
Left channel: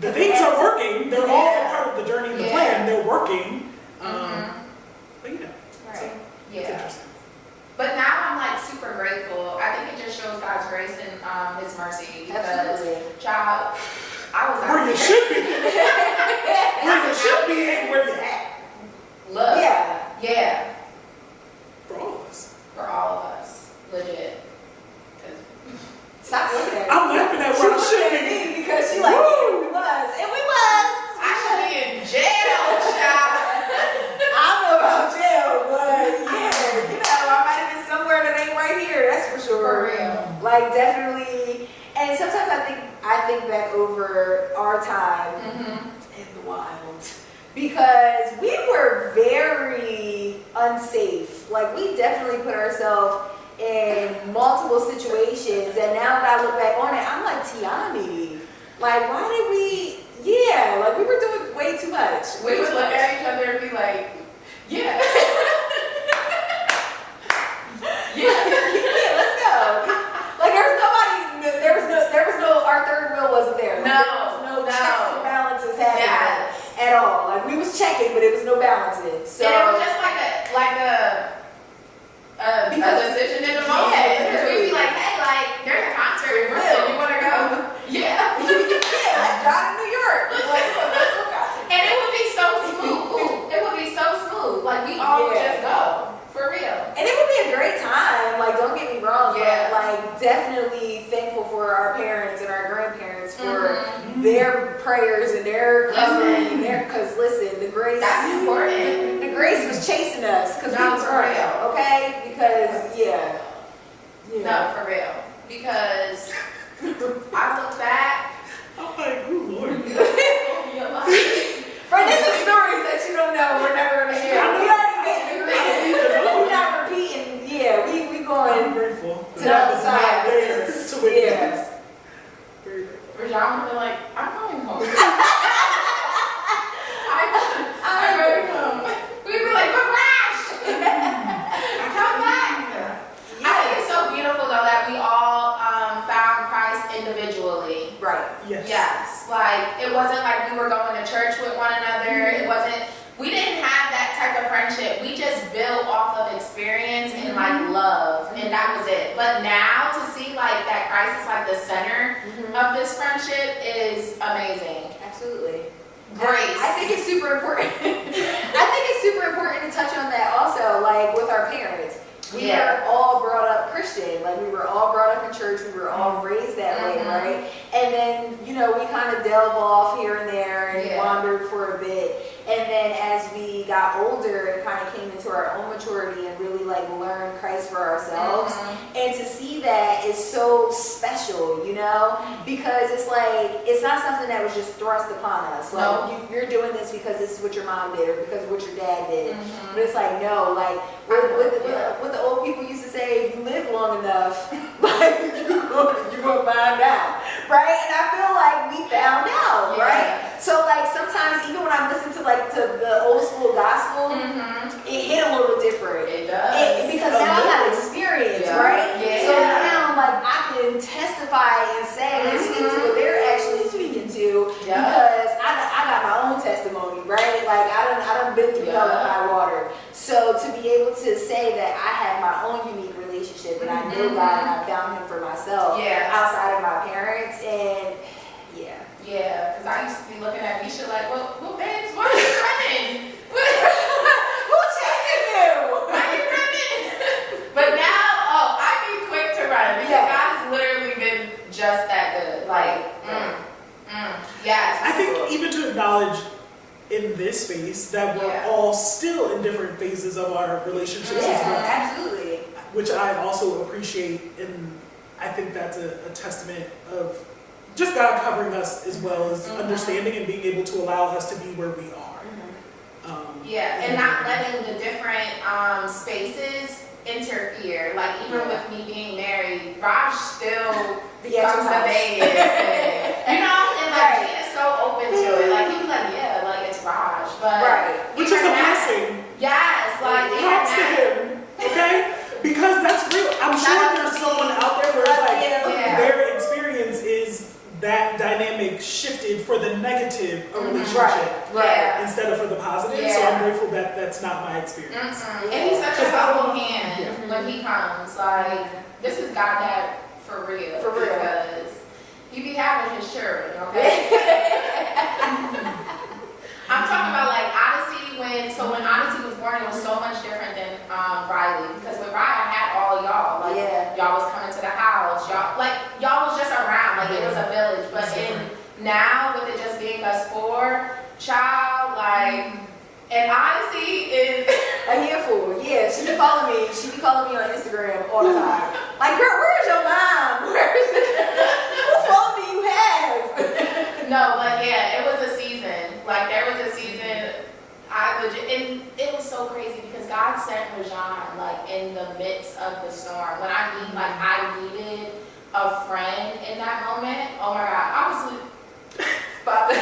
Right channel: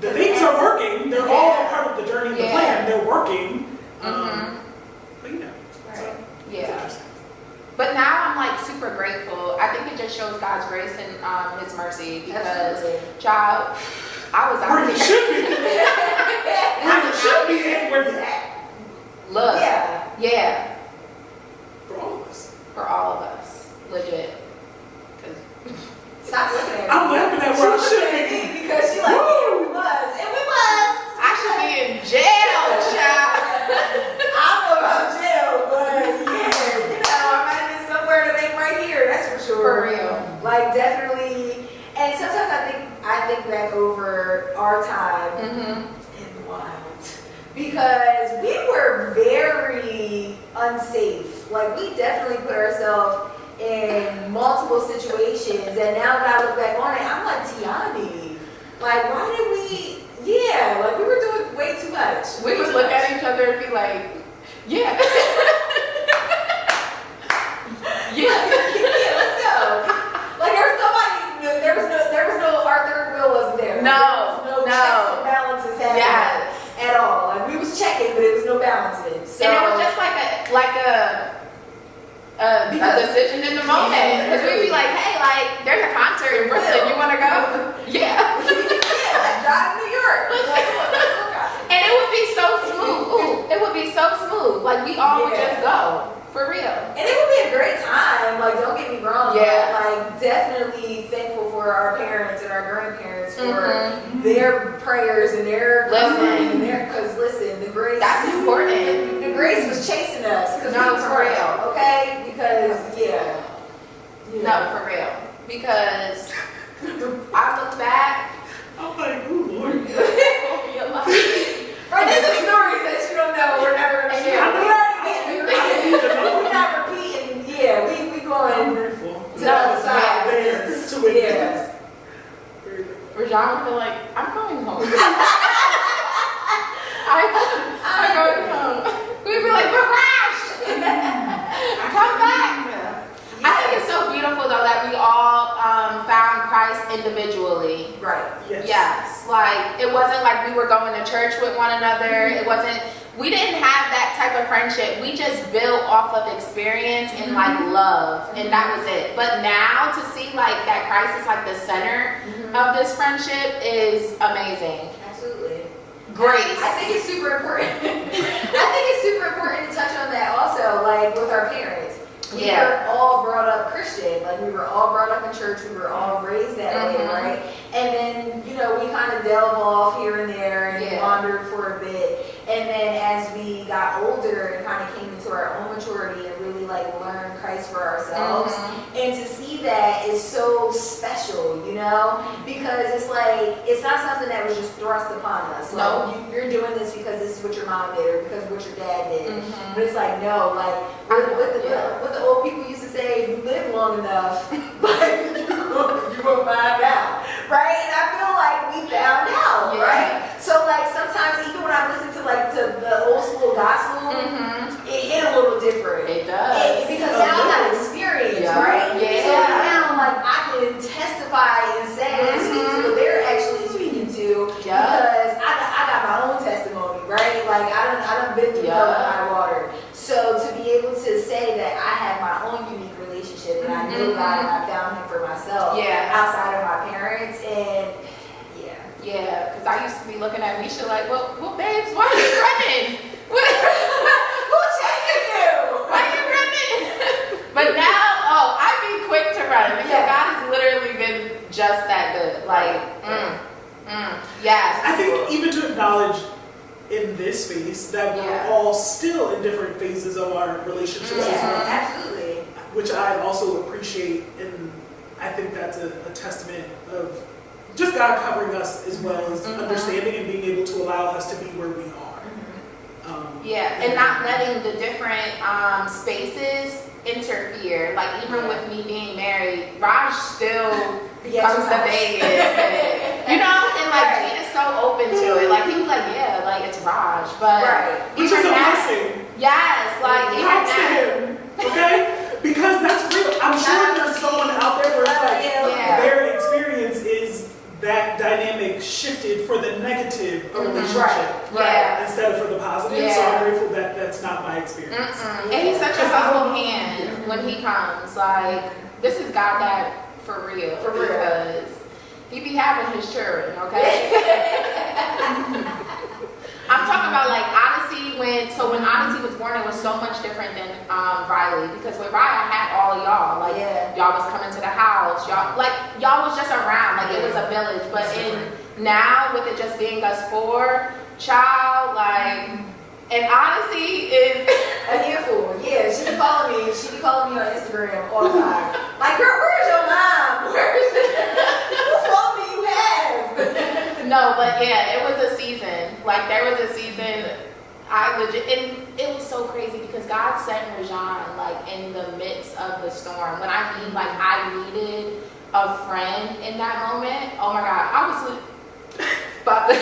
the things are working. They're all a part of the journey and the plan. They're working. But you know, so it's interesting. But now I'm like super grateful. I think it just shows God's grace and his mercy, because child, I was out where you should be. Where you should be and where you at. Look. Yeah. For all of us. For all of us. Legit. Stop looking at me. I'm laughing at where I should be. Because she like, yeah, we was. And we was. I should be in jail, child. I don't know about jail, but yeah, I might have been somewhere that ain't right here. That's for sure. For real. Like definitely. And sometimes I think back over our time in the wild, because we were very unsafe. Like we definitely put ourselves in multiple situations, and now that I look back on it, I'm like, Tiani, like why did we? Yeah, like we were doing way too much. We would look at each other and be like, yeah. balancing. So and it was just like a decision in the moment. Because we'd be like, hey, like, there's a concert in Brooklyn. You want to go? Yeah. Yeah, let's drive to New York. Like, let's go concert. And it would be so smooth. Ooh, it would be so smooth. Like, we all would just go. For real. And it would be a great time. Like, don't get me wrong. Yeah. But, like, definitely thankful for our parents and our grandparents for their prayers and their covering and their, because listen, the grace. That's important. The grace was chasing us because No, we for were real. okay? Because, yeah. No, for real. Because I look back. I'm like, ooh, Lord. Right, there's some stories that you don't know. We're never going to share. We're not repeating. Yeah, we I'm going grateful to that the was not side. there to witness. Very grateful. Rajhon would be like, I'm going home. I'm going home. We'd be like, but Raj, come back. I think it's so beautiful though that we all found Christ individually. Right. Yes. Yes, like it wasn't like we were going to church with one another. It wasn't. We didn't have that type of friendship. We just built off of experience and like love, and that was it. But now to see like that Christ is like the center of this friendship is amazing. Absolutely. Grace. I think it's super important. I think it's super important to touch on that also, like with our parents. We were all brought up Christian. Like we were all brought up in church. We were all raised that way, right? And then, you know, we kind of delve off here and there and wandered for a bit. And then as we got older and kind of came into our own maturity and really like learned Christ for ourselves, and to see that is so special, you know, because it's like, it's not something that was just thrust upon us. Like you're doing this because this is what your mom did or because of what your dad did. But it's like, no, like what the old people used to say, if you live long enough, like you're gonna find out, right? And I feel like we found out, right? So like sometimes even when I listen to like to the old school gospel, it hit a little different. It does. Because now I have experience, right? Yeah. So now like I can testify and say and speak to what they're actually speaking to because I got my own testimony, right? Like I done been through hell and high water. So to be able to say that I have my own unique relationship and I know God and I found Him for myself outside of my parents and yeah, because I used to be looking at Misha like, well, babes, why are you running? Who's chasing you? Why are you running? But now, I'd be quick to run because God has literally been just that good. Like, yes. I think even to acknowledge in this space that we're all still in different phases of our relationships as well. Absolutely. Which I also appreciate, and I think that's a testament of just God covering us as well as understanding and being able to allow us to be where we are. And not letting the different spaces interfere. Like even with me being married, Raj still comes to Vegas. You know, and like he is so open to it. Like he was like, yeah, like it's Raj. But which is a blessing. Yes, like props to him. Okay? Because that's real. I'm sure there's someone out there where it's like their experience is that dynamic shifted for the negative relationship instead of for the positive. So I'm grateful that that's not my experience. And he's such a humble hand when he comes. Like, this is God that for real. Because he be having his children, okay? I'm talking about like Odyssey when Odyssey was born, it was so much different than Riley, because with Riley I had all y'all, like y'all was coming to the house, y'all was just around, like it was a village. But now with it just being us four, child, like, and Odyssey is a handful. Yeah, she be calling me on Instagram all the time. Like, girl, where's your mom? Whose phone do you have? No, but yeah, it was a season. Like there was a season and it was so crazy because God sent Rajhon like in the midst of the storm. When I mean like I needed a friend in that moment. Oh my God, I was about to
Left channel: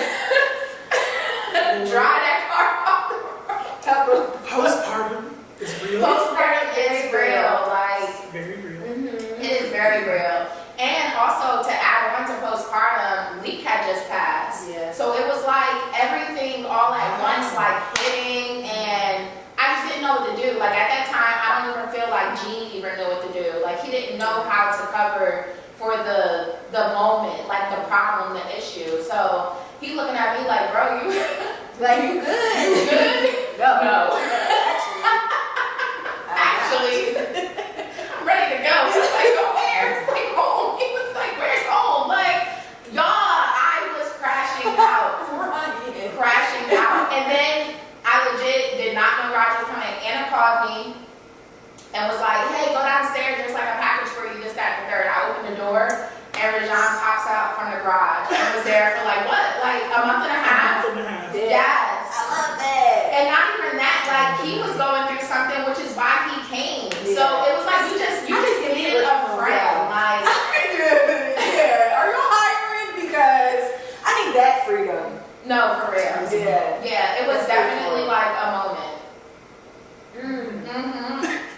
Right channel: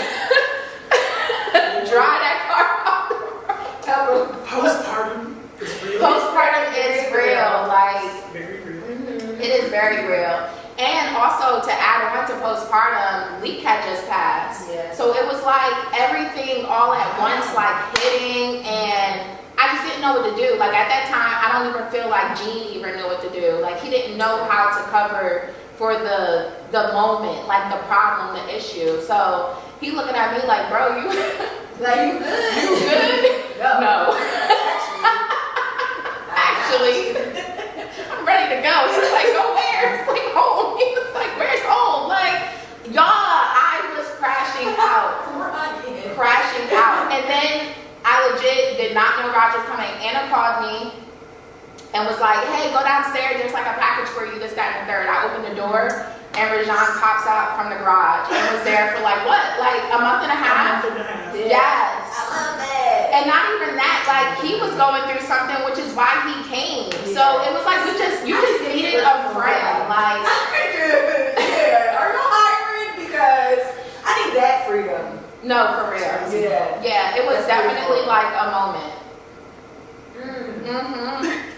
dry that car off. Postpartum is real. Postpartum is real. Like very real. It is very real. And also to add on into postpartum, Leak had just passed. Yeah. So it was like everything all at once, like hitting, and I just didn't know what to do. Like at that time, I don't even feel like Gene even knew what to do. Like he didn't know how to cover for the moment, like the problem, the issue. So he looking at me like, bro, you Like, you good? you good? No. Actually, I'm ready to go. He's like, go where? It's like home. He was like, where's home? Like, y'all, I was crashing out. Crashing out. And then I legit did not know Roger was coming. Anna called me and was like, hey, go downstairs. There's like a package for you, this, that, and the third. I opened the door and Rajhon pops out from the garage and was there for like what? Like a month and a half? A month and a half. Yes. I love that. And not even that, like he was going through something, which is why he came. So it was like you just needed a friend. Like yeah. Are you hiring? Because I need that freedom. no, for real. Yeah. Yeah, it was That's pretty definitely cool. like a moment.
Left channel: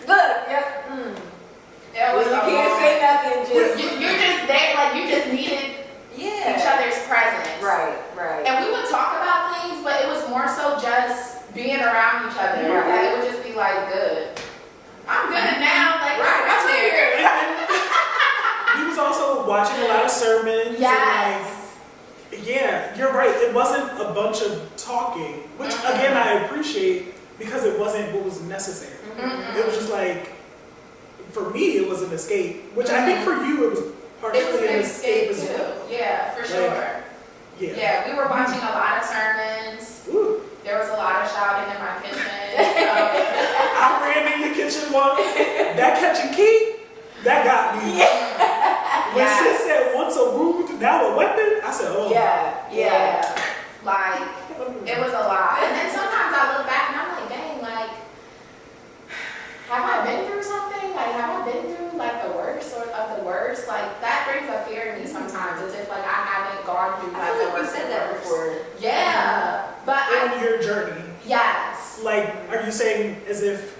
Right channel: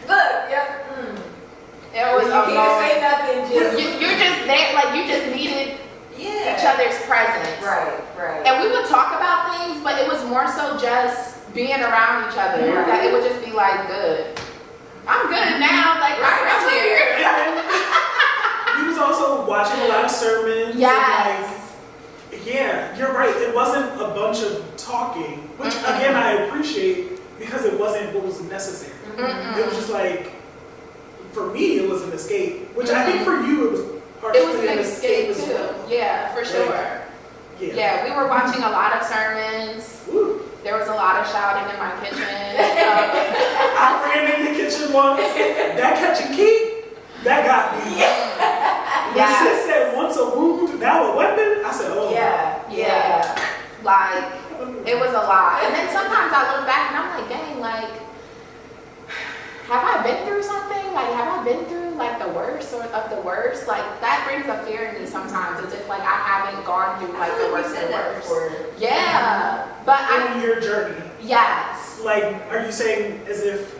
Look, yep. It was Well, a you can't moment. say nothing, just You're just there, like you just needed each other's presence. Right. And we would talk about things, but it was more so just being around each other. Right. Like it would just be like, good. I'm good now. Like I'm here. He was also watching a lot of sermons. and, Yes. like, yeah, you're right. It wasn't a bunch of talking, which again I appreciate because it wasn't what was necessary. It was just like, for me, it was an escape, which I think for you it was partially It was an escape as too. well. Yeah, for sure. Yeah. Yeah, we were watching a lot of sermons. Woo. There was a lot of shouting in my kitchen. I ran in the kitchen once. That catch and keep, that got me. When sis said once a wound, now a weapon, I said, oh. Yeah. Like, it was a lot. And then sometimes I look back and I'm like, dang, like, have I been through something? Like, have I been through, like, the worst or of the worst? Like, that brings a fear in me sometimes, as if, like, I haven't gone through, like, the worst of the worst. Yeah. But On your journey, yes. like, are you saying as if,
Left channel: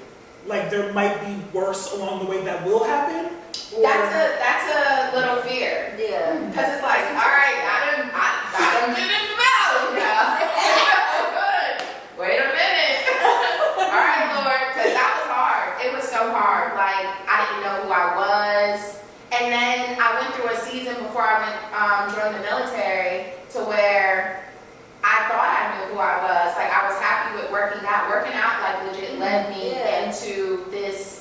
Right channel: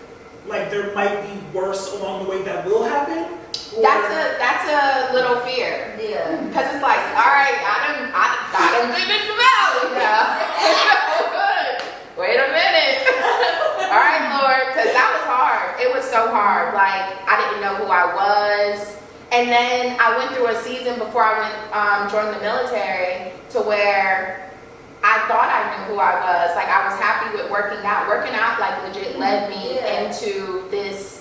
like, there might be worse along the way that will happen? Or- That's a little fear. Yeah. Because it's like, all right, I done been in the valley now. Good. Wait a minute. All right, Lord, because that was hard. It was so hard. Like, I didn't know who I was. And then I went through a season before I went joined the military to where I thought I knew who I was. Like, I was happy with working out. Working out, like, legit led me into this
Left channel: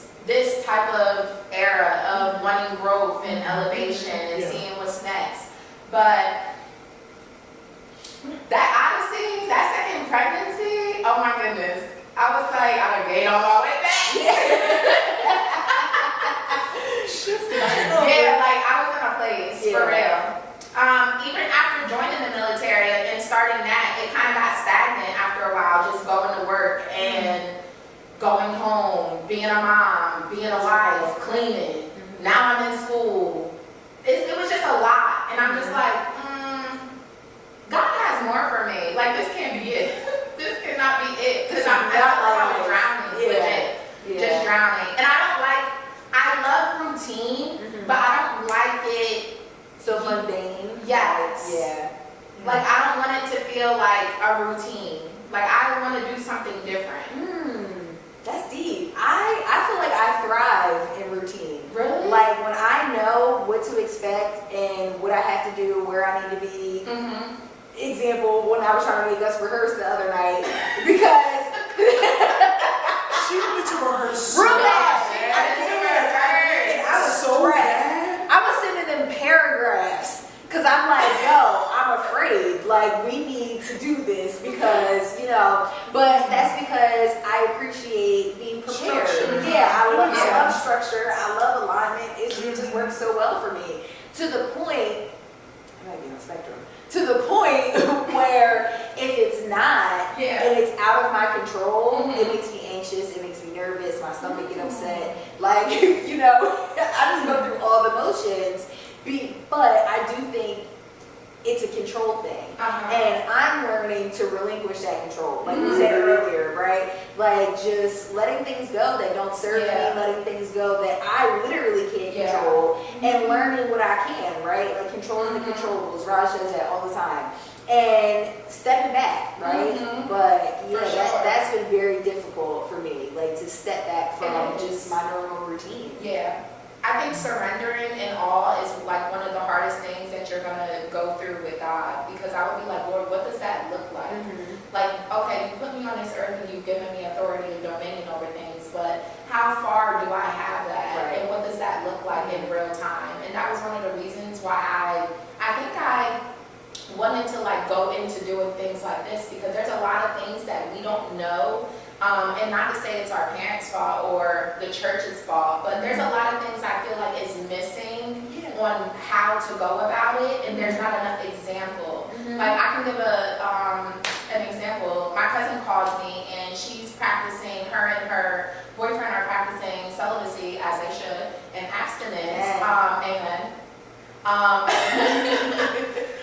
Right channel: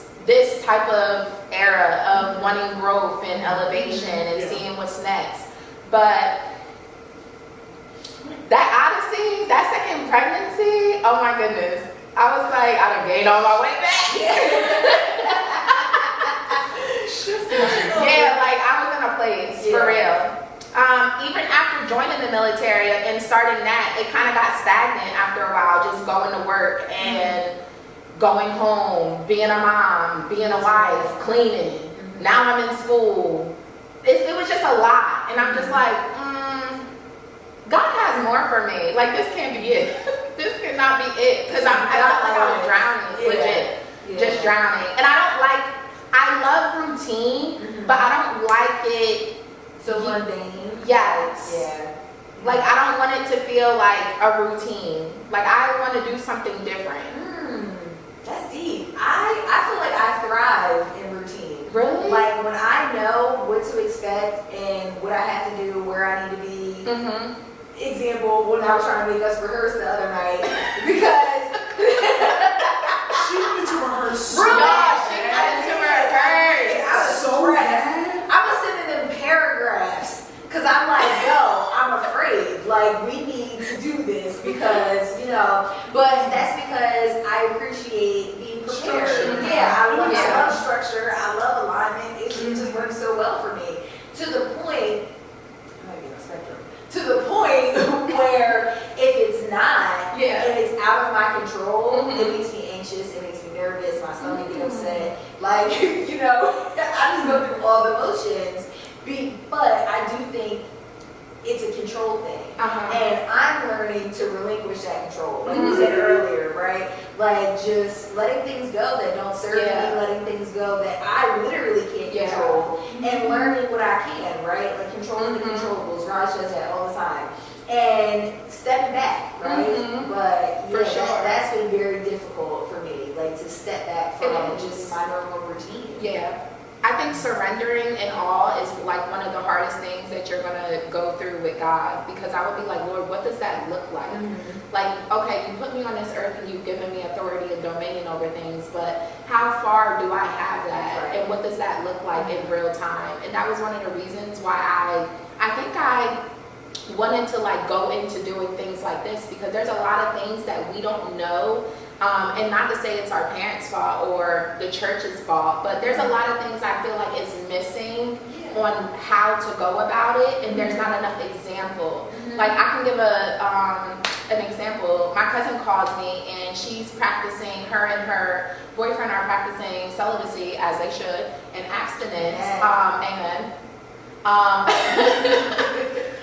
type of era of wanting growth and elevation and seeing what's next. But that Odyssey, that second pregnancy, oh my goodness. I was like, I done gained all my weight back. Yeah, like I was in a place, for real. Even after joining the military and starting that, it kind of got stagnant after a while, just going to work and going home, being a mom, being a wife, cleaning. Now I'm in school. It was just a lot. And I'm just like, God has more for me. Like, this can't be it. This cannot be it. Because I felt like I was drowning, legit. Just drowning. And I love routine, but I don't like it. So mundane. Yes. Yeah. Like, I don't want it to feel like a routine. Like, I want to do something different. That's deep. I feel like I thrive in routine. Really? Like when I know what to expect and what I have to do, where I need to be. Example, when I was trying to make us rehearse the other night, because She wanted to rehearse. Really? I didn't rehearse. I was So stressed. bad. I was sending them paragraphs because I'm like, yo, I'm afraid. Like, we need to do this because, but that's because I appreciate being prepared. Structure. Yeah, I love structure. I love alignment. It just works so well for me. To the point, I might be on the spectrum, to the point where if it's not, and it's out of my control, it makes me anxious, it makes me nervous, my stomach get upset. Like, I just go through all the motions. But I do think it's a control thing. Uh-huh. And I'm learning to relinquish that control, like we said earlier, right? Like just letting things go that don't serve me, letting things go that I literally can't control, and learning what I can, right? Like controlling the controllables. Raj does that all the time. And stepping back, right? But yeah, that's been very difficult for me, like to step back from just my normal routine. Yeah. I think surrendering in all is like one of the hardest things that you're gonna go through with God, because I would be like, Lord, what does that look like? Like, okay, you put me on this earth and you've given me authority and dominion over things, but how far do I have that? And what does that look like in real time? And that was one of the reasons why I think I wanted to like go into doing things like this, because there's a lot of things that we don't know. And not to say it's our parents' fault or the church's fault, but there's a lot of things I feel like is missing on how to go about it, and there's not enough example. Like I can give an example. My cousin called me and she's practicing, her and her boyfriend are practicing celibacy as they should and abstinence. Amen.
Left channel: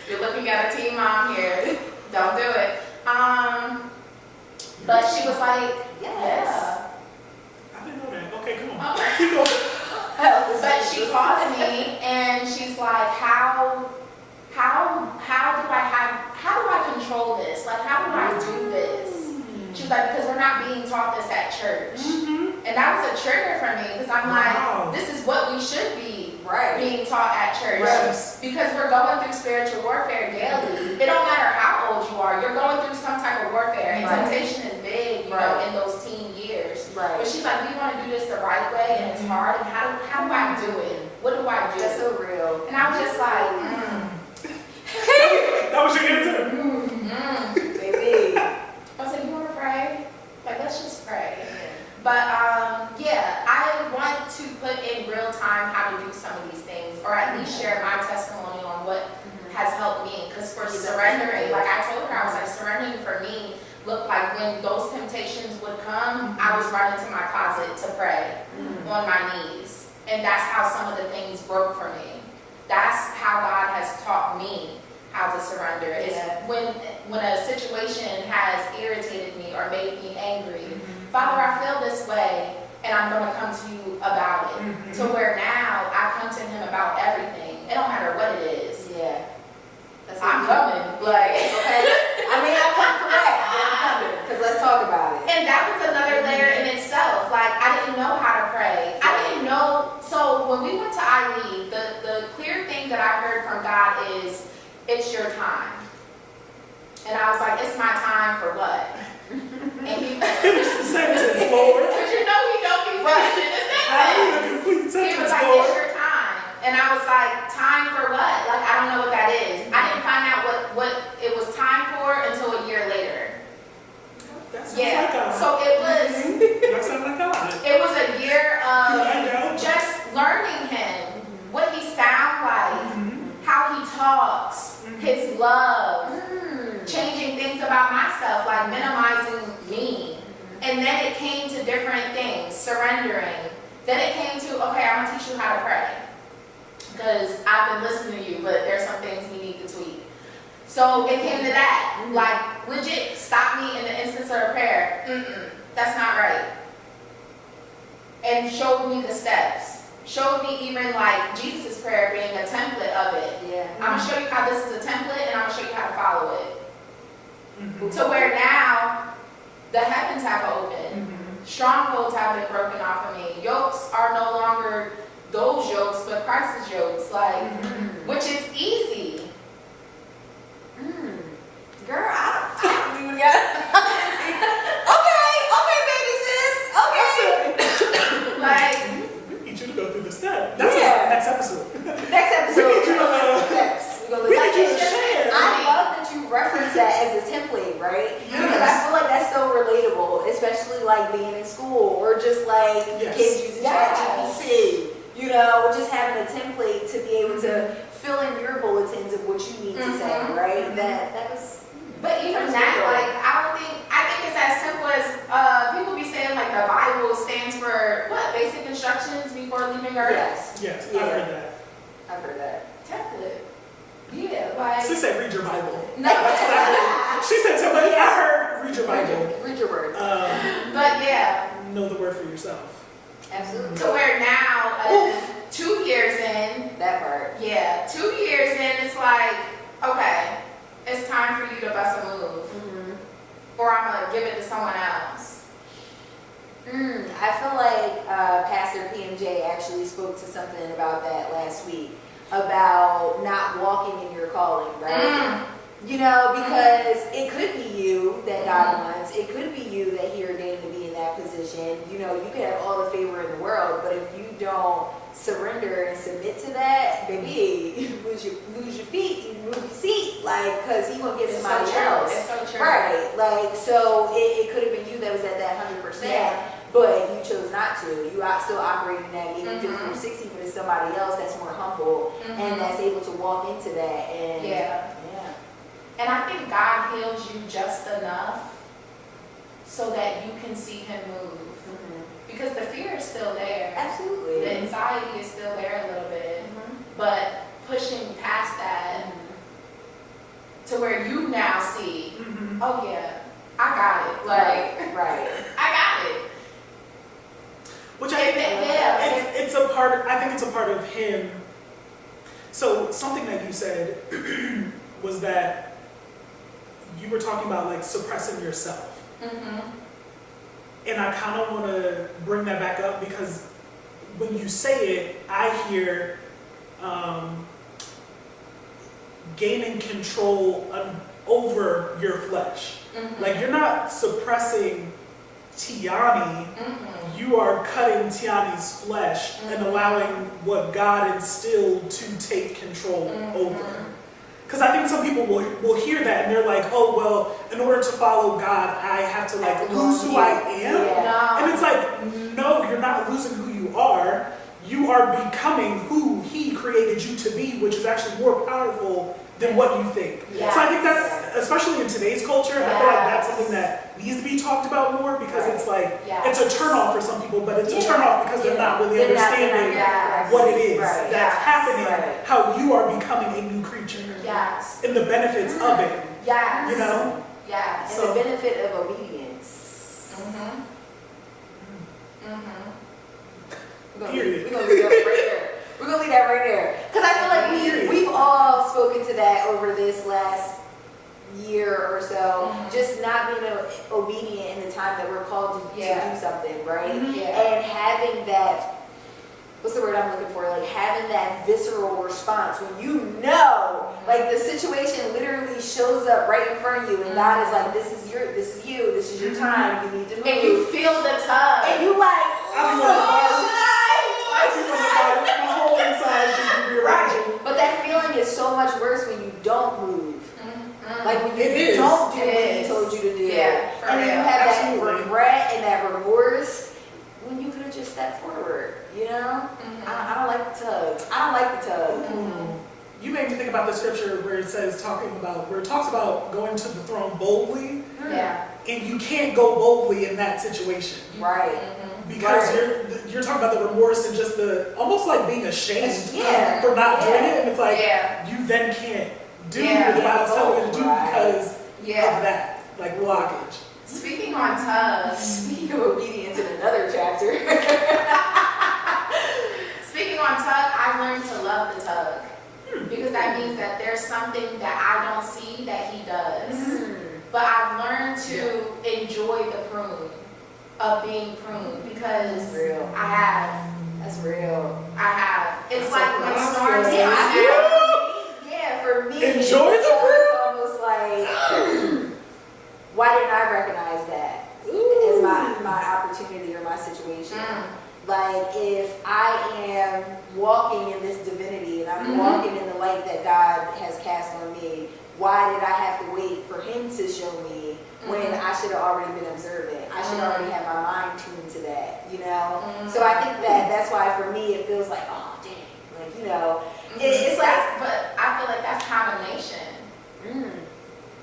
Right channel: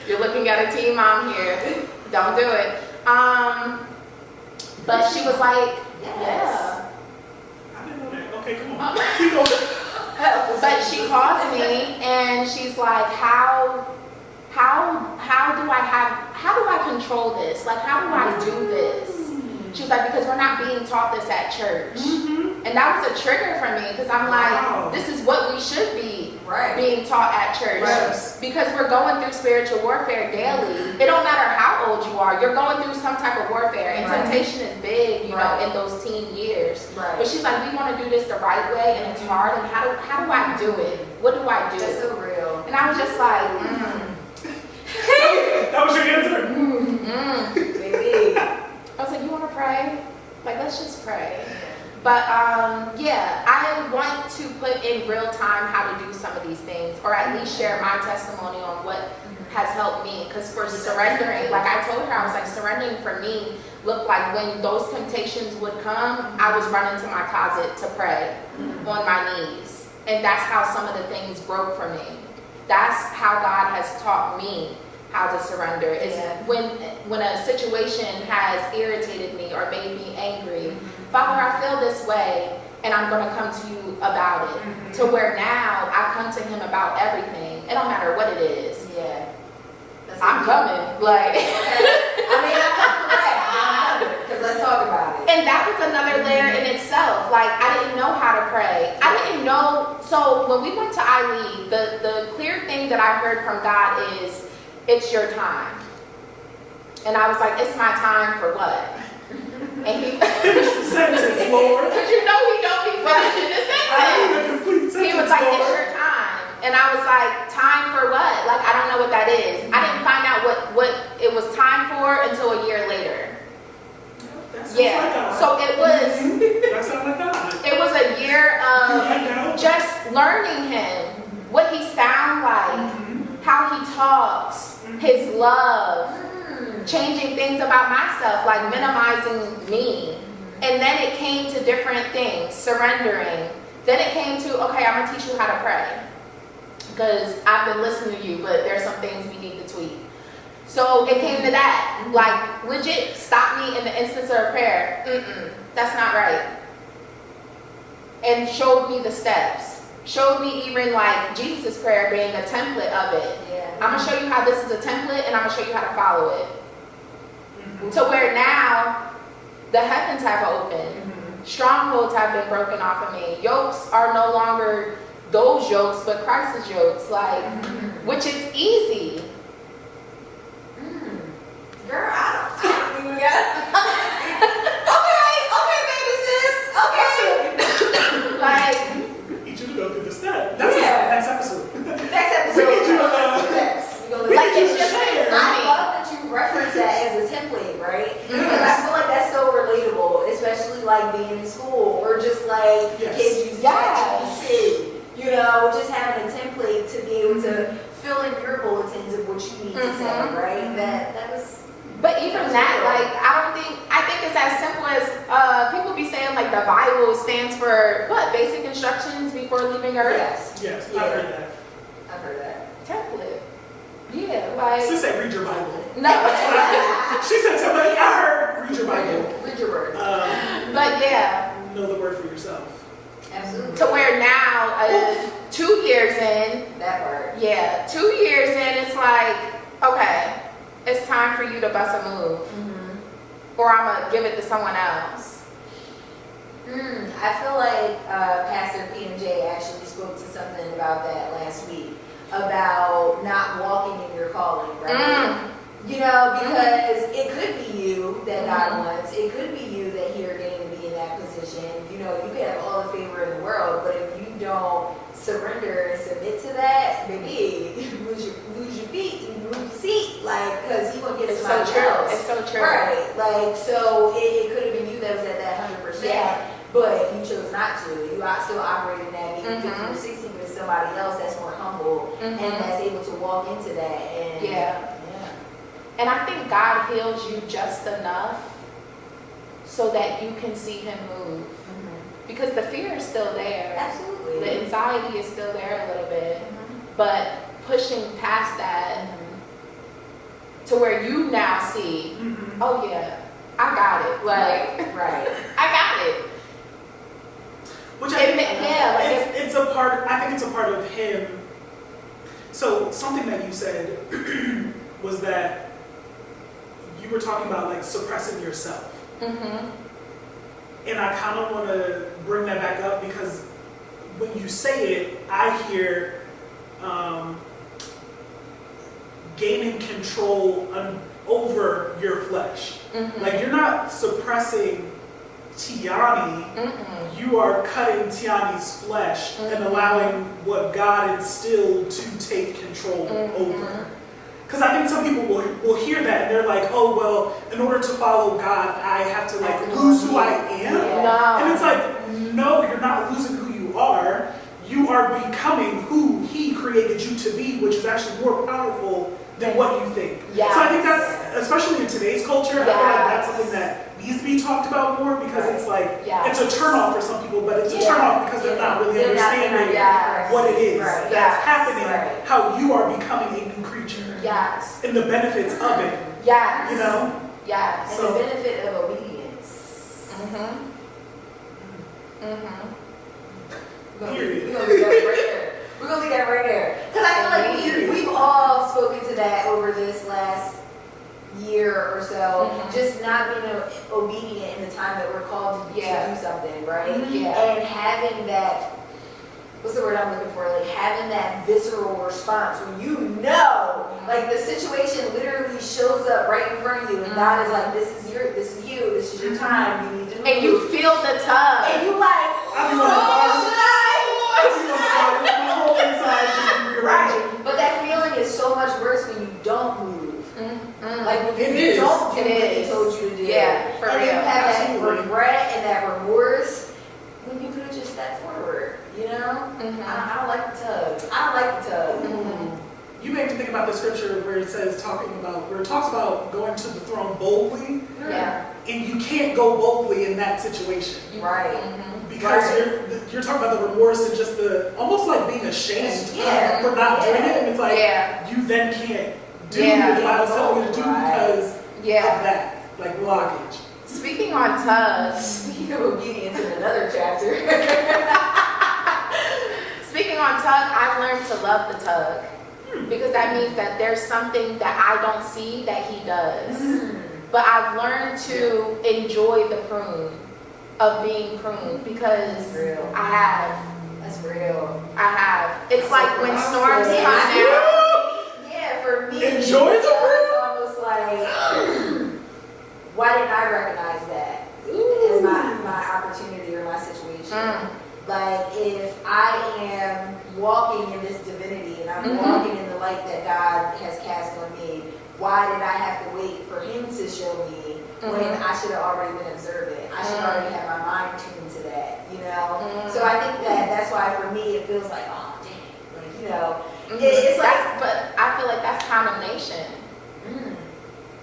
You're looking at a teen mom here. Don't do it. But she was like, I didn't know that. Okay, come on. Keep going. But she calls me and she's like, how do I control this? Like, how do I do this? She was like, because we're not being taught this at church. And that was a trigger for me, because I'm like, this is what we should be being taught at church. Because we're going through spiritual warfare daily. It don't matter how old you are, you're going through some type of warfare. And temptation is big, you know, in those teen years. But she's like, we want to do this the right way, and it's hard. And how do I do it? What do I do? That's so real. And I was just like, That was your answer? Maybe. I was like, you want to pray? Like, let's just pray. But I want to put in real time how to do some of these things, or at least share my testimony on what has helped me. Because for surrendering, like I told her, I was like, surrendering for me looked like when those temptations would come, I was running to my closet to pray on my knees. And that's how some of the things broke for me. That's how God has taught me how to surrender. Is when a situation has irritated me or made me angry, Father, I feel this way, and I'm going to come to you about it. To where now I come to him about everything. It don't matter what it is. I'm coming. Like, I mean, I come correct. I'm coming, because let's talk about it. And that was another layer in itself. Like, I didn't know how to pray. I didn't know. So when we went to ILE, the clear thing that I heard from God is, it's your time. And I was like, it's my time for what? And he Finish the sentence, Lord. But you know he don't be finishing the sentence. He was like, it's your time. And I was like, time for what? Like, I don't know what that is. I didn't find out what it was time for until a year later. That sounds like God. So it was. That sounds like God. It was a year of just learning him, what he sounds like, how he talks, his love, changing things about myself, like minimizing me. And then it came to different things, surrendering. Then it came to, okay, I'm gonna teach you how to pray, because I've been listening to you, but there's some things we need to tweak. So it came to that, like legit stop me in the instance of a prayer. That's not right. And showed me the steps. Showed me even like Jesus' prayer being a template of it. I'm gonna show you how this is a template, and I'm gonna show you how to follow it. To where now the heavens have opened. Strongholds have been broken off of me. Yokes are no longer those yokes, but Christ's yokes, like, which is easy. Girl, I don't even got okay, baby sis. Okay. Like, we need you to go through the step. That's next episode. Next episode. We need you to share. I love that you reference that as a template, right? Because I feel like that's so relatable, especially like being in school or just like kids using ChatGPT. You know, just having a template to be able to fill in your bulletins of what you need to say, right? That was. But even that, like, I think it's as simple as people be saying like the Bible stands for what? Basic instructions before leaving Earth. Yes, I've heard that. I've heard that. Template. Yeah. Like, She said, read your Bible. no, That's what I heard. She said something. I heard, read your Bible. Read your word. but yeah, Know the word for yourself. Absolutely. to where now, 2 years in, That part. yeah, 2 years in, it's like, okay, it's time for you to bust a move, or I'm gonna give it to someone else. I feel like Pastor PMJ actually spoke to something about that last week, about not walking in your calling, right? You know, because it could be you that God wants. It could be you that He ordained to be in that position. You know, you could have all the favor in the world, but if you don't surrender and submit to that, baby, you lose your feet, you lose your seat, like, because He gonna get It's somebody so true. else. It's so true. Right, like, so it could have been you that was at that 100%. Yeah. But you chose not to. You still operate in that maybe 50 or 60, but it's somebody else that's more humble and that's able to walk into that. And Yeah. And I think God heals you just enough so that you can see Him move. Because the fear is still there. Absolutely. The anxiety is still there a little bit. But pushing past that to where you now see, oh yeah, I got it. Like, right. I got it. Which I think, it's a part, I think it's a part of Him. So something that you said was that you were talking about like suppressing yourself. And I kind of want to bring that back up because when you say it, I hear gaining control over your flesh. Like you're not suppressing Tiani, you are cutting Tiani's flesh and allowing what God instilled to take control over. Because I think some people will hear that and they're like, oh, well, in order to follow God, I have to like lose who I am. No. And it's like, no, you're not losing who you are. You are becoming who He created you to be, which is actually more powerful than what you think. Yes. So I think that's, especially in today's culture, I feel like that's something that needs to be talked about more because it's like, it's a turnoff for some people, but it's a turnoff because they're not really understanding what it is that's happening, how you are becoming a new creature. Yes. And the benefits of it. Yes. You know? Yes. And the benefit of obedience. Period. We're gonna leave that right there. We're gonna leave that right there. Because I feel like we've all spoken to that over this last year or so. Just not being obedient in the time that we're called to do something, right? And having that, what's the word I'm looking for? Like having that visceral response when you know, like the situation literally shows up right in front of you, and God is like, this is your time. You need to move. And you feel the tug. And you like, my whole inside just rearranging. But that feeling is so much worse when you don't move. Like when you don't do what He told you to do. Yeah, for and real. then you have Absolutely. that regret and that remorse when you could have just stepped forward, you know? I don't like the tug. I don't like the tug. You made me think about the scripture where it says, where it talks about going to the throne boldly. Yeah. And you can't go boldly in that situation. Right. Because you're talking about the remorse and just the, almost like being ashamed for not doing it. And it's like, you then can't do what the Bible's telling you to do because of that, like blockage. Speaking on tugs. Speaking of obedience in another chapter. Speaking on tug, I've learned to love the tug. Because that means that there's something that I don't see that He does. But I've learned to enjoy the prune of being pruned because I have. That's real. I have. It's like when storms come Yeah, for me, Enjoy the it's almost like, why didn't I recognize that as my opportunity or my situation? Like, if I am walking in this divinity and I'm walking in the light that God has cast on me, why did I have to wait for Him to show me when I should have already been observant? I should already have my mind tuned to that, you know? So I think that's why for me it feels like, oh, dang, like, you know, it's like... But I feel like that's condemnation.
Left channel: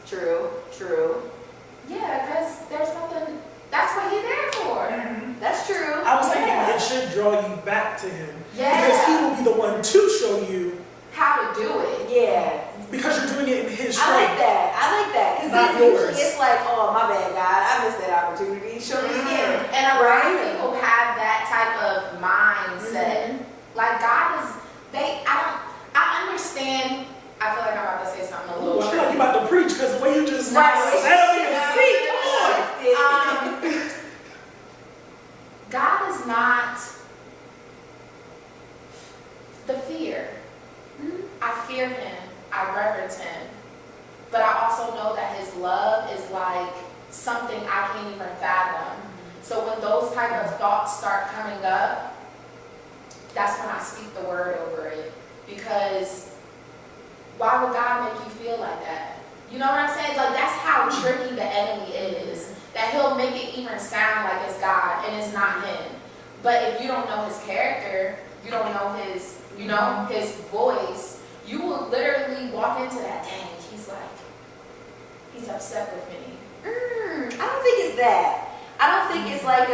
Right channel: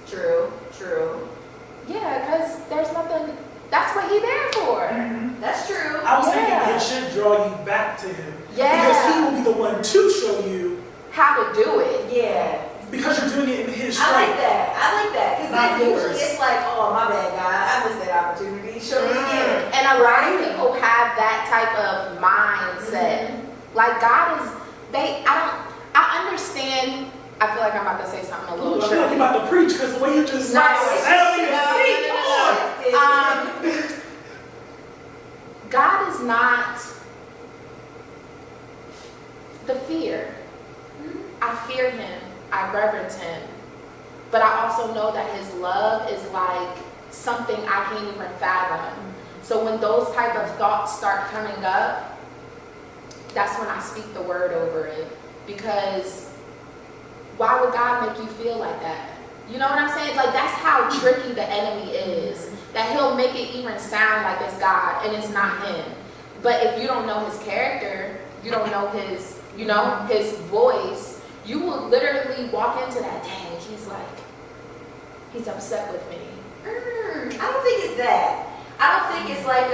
True. Yeah, because there's nothing... That's what He's there for. That's true. I was thinking it should draw you back to Him. Yeah. Because He will be the one to show you How to do it. Yeah. because you're doing it in his I strength. like that. Because Not then usually yours. it's like, oh, my bad, God. I missed that opportunity. Show me again. And a lot of people have that type of mindset. Like God is, I understand. I feel like I'm about to say something a Ooh, little I feel like you're about to preach because the way you just No, sat on your seat. Come on. God is not the fear. I fear him. I reverence him. But I also know that his love is like something I can't even fathom. So when those type of thoughts start coming up, that's when I speak the word over it. Because why would God make you feel like that? You know what I'm saying? Like, that's how tricky the enemy is. That he'll make it even sound like it's God and it's not him. But if you don't know his character, you don't know his, his voice, you will literally walk into that, dang, he's upset with me. I don't think it's that. I don't think it's like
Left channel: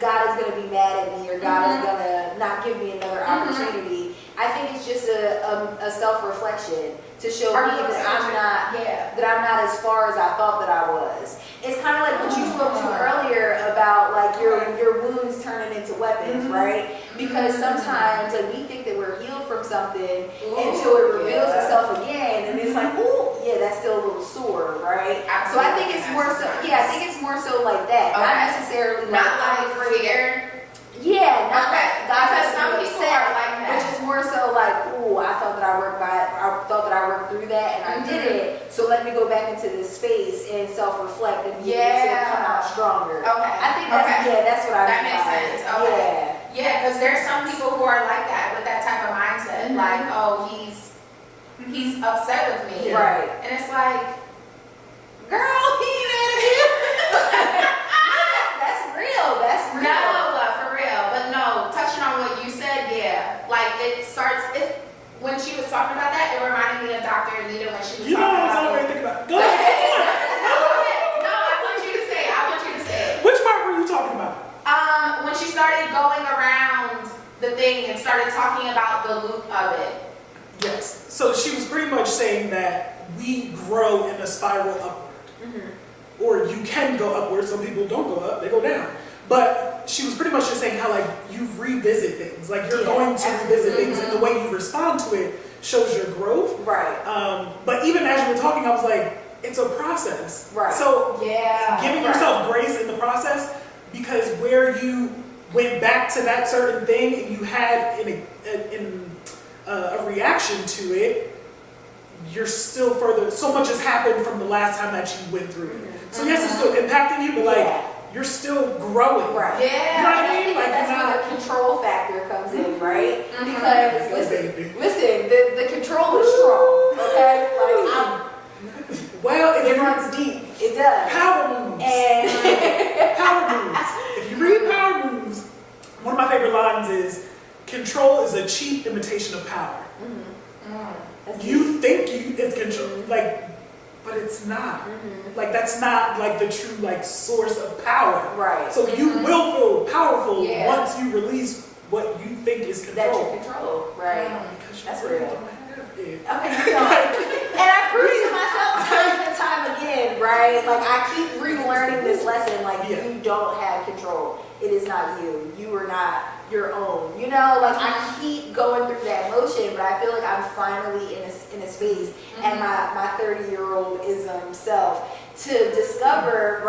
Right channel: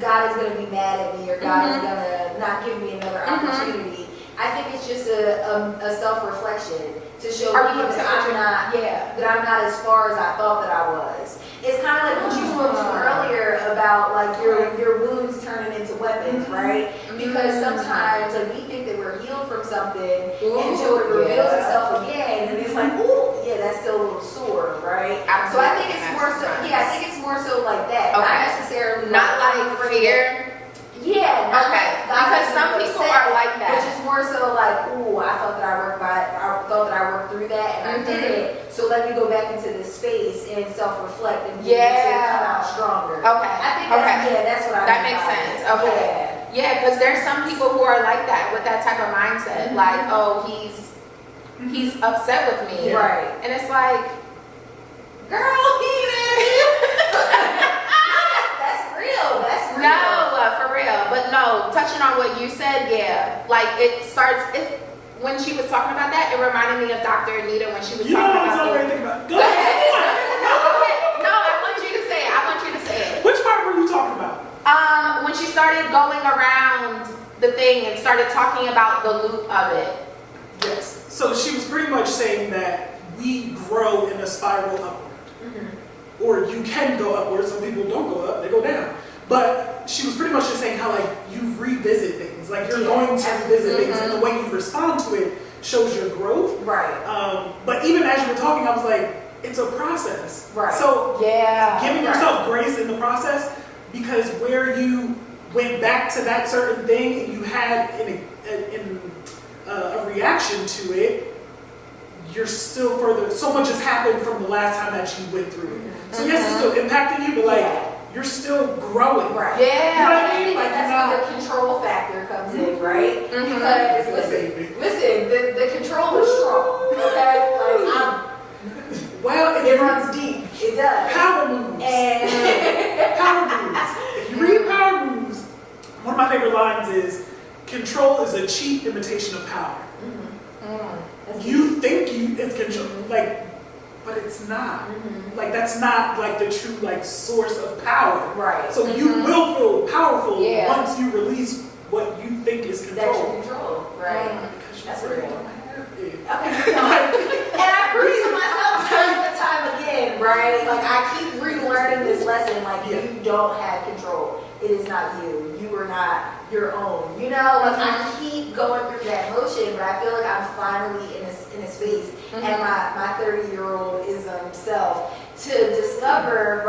God is going to be mad at me or God is going to not give me another opportunity. I think it's just a self-reflection to show me that I'm not as far as I thought that I was. It's kind of like what you spoke to earlier about like your wounds turning into weapons, right? Because sometimes like we think that we're healed from something until it reveals itself again, and it's like, ooh, yeah, that's still a little sore, right? So I think it's more so. Yeah, I think it's more so like that, not necessarily not like fear. Yeah, because some people are like that. Which is more so like, ooh, I thought that I worked through that and I did it. So let me go back into this space and self-reflect and be able to come out stronger. Okay. I think that's what I mean. That makes sense. Okay. Yeah, because there's some people who are like that with that type of mindset. Like, oh, he's upset with me. Yeah. Right. And it's like, girl, he ain't mad at you. That's real. No, for real. But no, touching on what you said, yeah. Like when she was talking about that, it reminded me of Dr. Anita when she was talking about You know what I was thinking about? Go ahead. ahead. No, I want you to say it. Which part were you talking about? When she started going around the thing and started talking about the loop of it. Yes. So she was pretty much saying that we grow in a spiral upward. Or you can go upward. Some people don't go up, they go down. But she was pretty much just saying how like you revisit things. Like you're going to revisit things and the way you respond to it shows your growth. Right. But even as you were talking, I was like, it's a process. Right. So giving yourself grace in the process, because where you went back to that certain thing and you had a reaction to it, you're still further. So much has happened from the last time that you went through it. So yes, it's still impacting you, but like you're still growing. Right. Yeah. You know what I mean? Like that's where the control factor comes in, right? Because listen, the control is strong. Okay. Like it runs deep. It does. Power moves. And Power moves. If you read Power Moves, one of my favorite lines is, "Control is a cheap imitation of power." You think it's control, like, but it's not. Like that's not like the true like source of power. Right. So you will feel powerful once you release what you think is control. That you control, right? Because that's really real. don't have it. Okay, and I prove to myself time and time again, right? Like I keep relearning this lesson. Like you don't have control. It is not you. You are not your own. You know, like I keep going through that motion, but I feel like I'm finally in a space and my 30-year-old self to discover,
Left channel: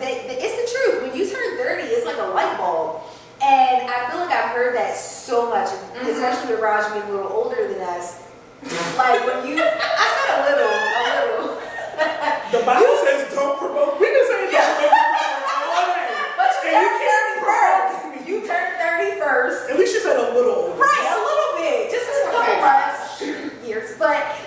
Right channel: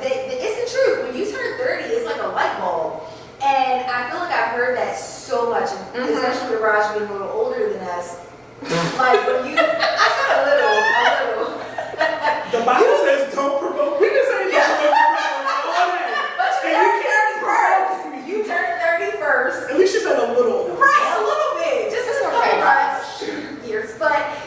it's the truth. When you turn 30, it's like a light bulb. And I feel like I've heard that so much, especially with Raj being a little older than us. Like when I said a little. The Bible says don't promote. We've been saying don't promote all day. But you turned 30 first. At least you said a little. Right, a little bit. Just a couple months, years. But,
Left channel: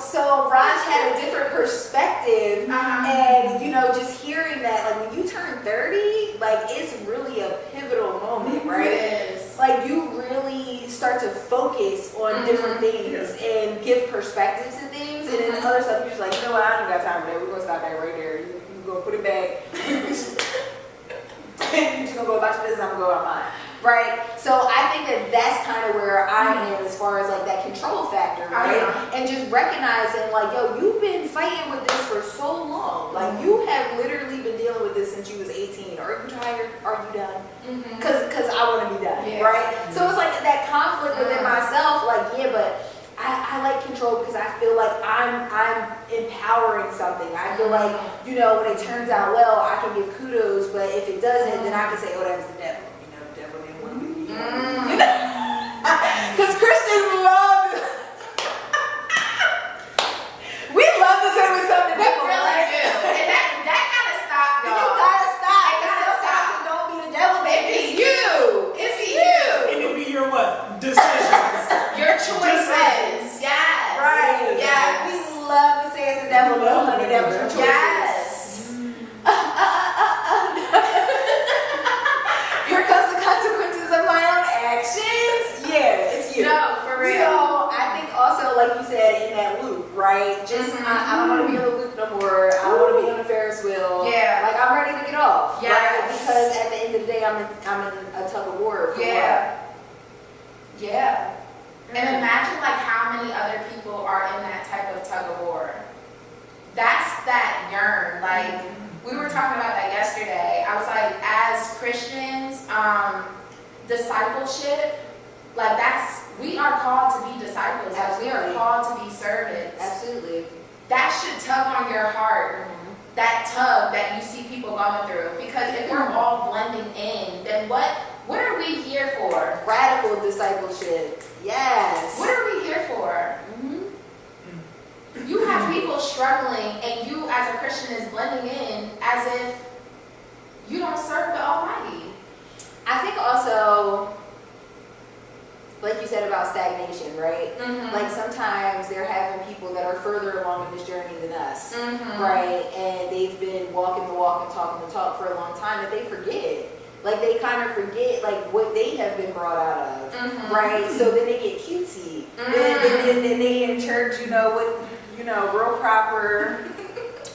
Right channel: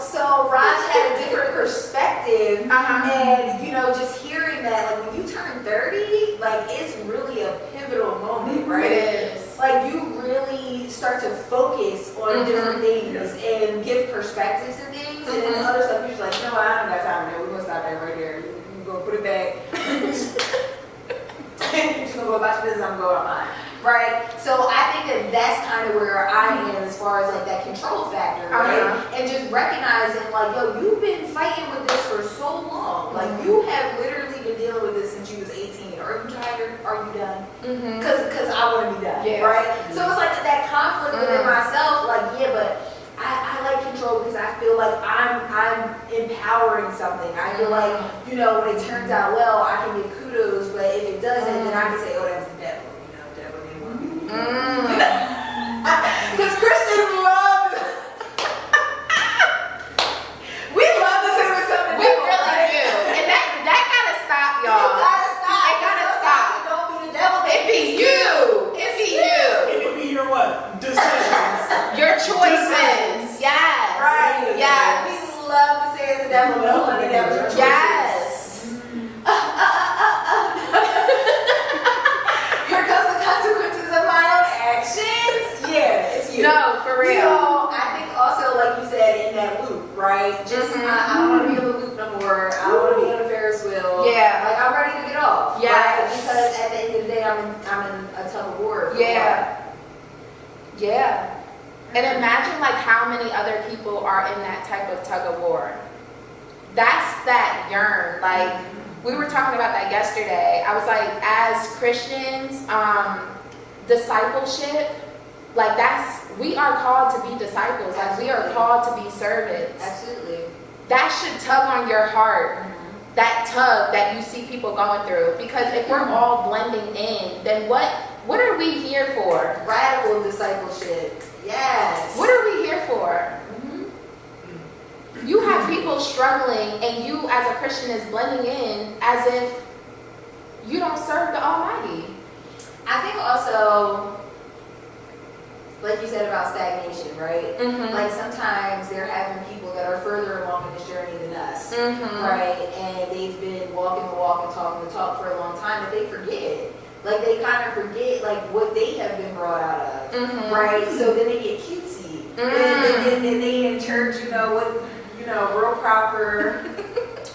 so Raj had a different perspective. And, just hearing that, like, when you turn 30, like, it's really a pivotal moment, right? It is. Like, you really start to focus on different things and give perspectives to things. And then other stuff, you're just like, you know what, I don't got time for that. We're going to stop that right there. You go put it back. And you're just going to go about your business, I'm going to go about mine. right? So I think that that's kind of where I am as far as like that control factor, right? And just recognizing like, yo, you've been fighting with this for so long. Like you have literally been dealing with this since you was 18. Are you tired? Are you done? Because I want to be done, right? So it's like that conflict within myself, like, yeah, but I like control because I feel like I'm empowering something. I feel like, you know, when it turns out well, I can give kudos, but if it doesn't, then I can say, oh, that was the devil. You know, the devil didn't want me to do that. Because Christians love, we love to say we're something. We really do. And that gotta stop, y'all. You gotta stop. It gotta stop. It don't be the devil, It baby. be you. It be you. And it be your what? Decisions. Your choices. Yes. Right. Yes. We love to say it's the devil, no, honey, that was your choices. Yes. Here comes the consequences of my own actions. Yeah, it's you. No, for real. So I think also, like you said, in that loop, right? Just I don't want to be in the loop no more. I don't want to be on a Ferris wheel. Yeah. Like I'm ready to get off. Yes. Right? Because at the end of the day, I'm in a tug of war. For Yeah. Yeah. And imagine like how many other people are in that type of tug of war. That's that yearn. Like we were talking about that yesterday. I was like, as Christians, discipleship, like we are called to be disciples. Like we are called to be servants. Absolutely. That should tug on your heart. That tug that you see people going through. Because if we're all blending in, then what are we here for? Radical discipleship. Yes. What are we here for? You have people struggling and you as a Christian is blending in as if you don't serve the Almighty. I think also, like you said about stagnation, right? Like sometimes they're having people that are further along in this journey than us, right? And they've been walking the walk and talking the talk for a long time that they forget. Like they kind of forget like what they have been brought out of, right? So then they get cutesy. Then they in church, you know, with, you know, real proper,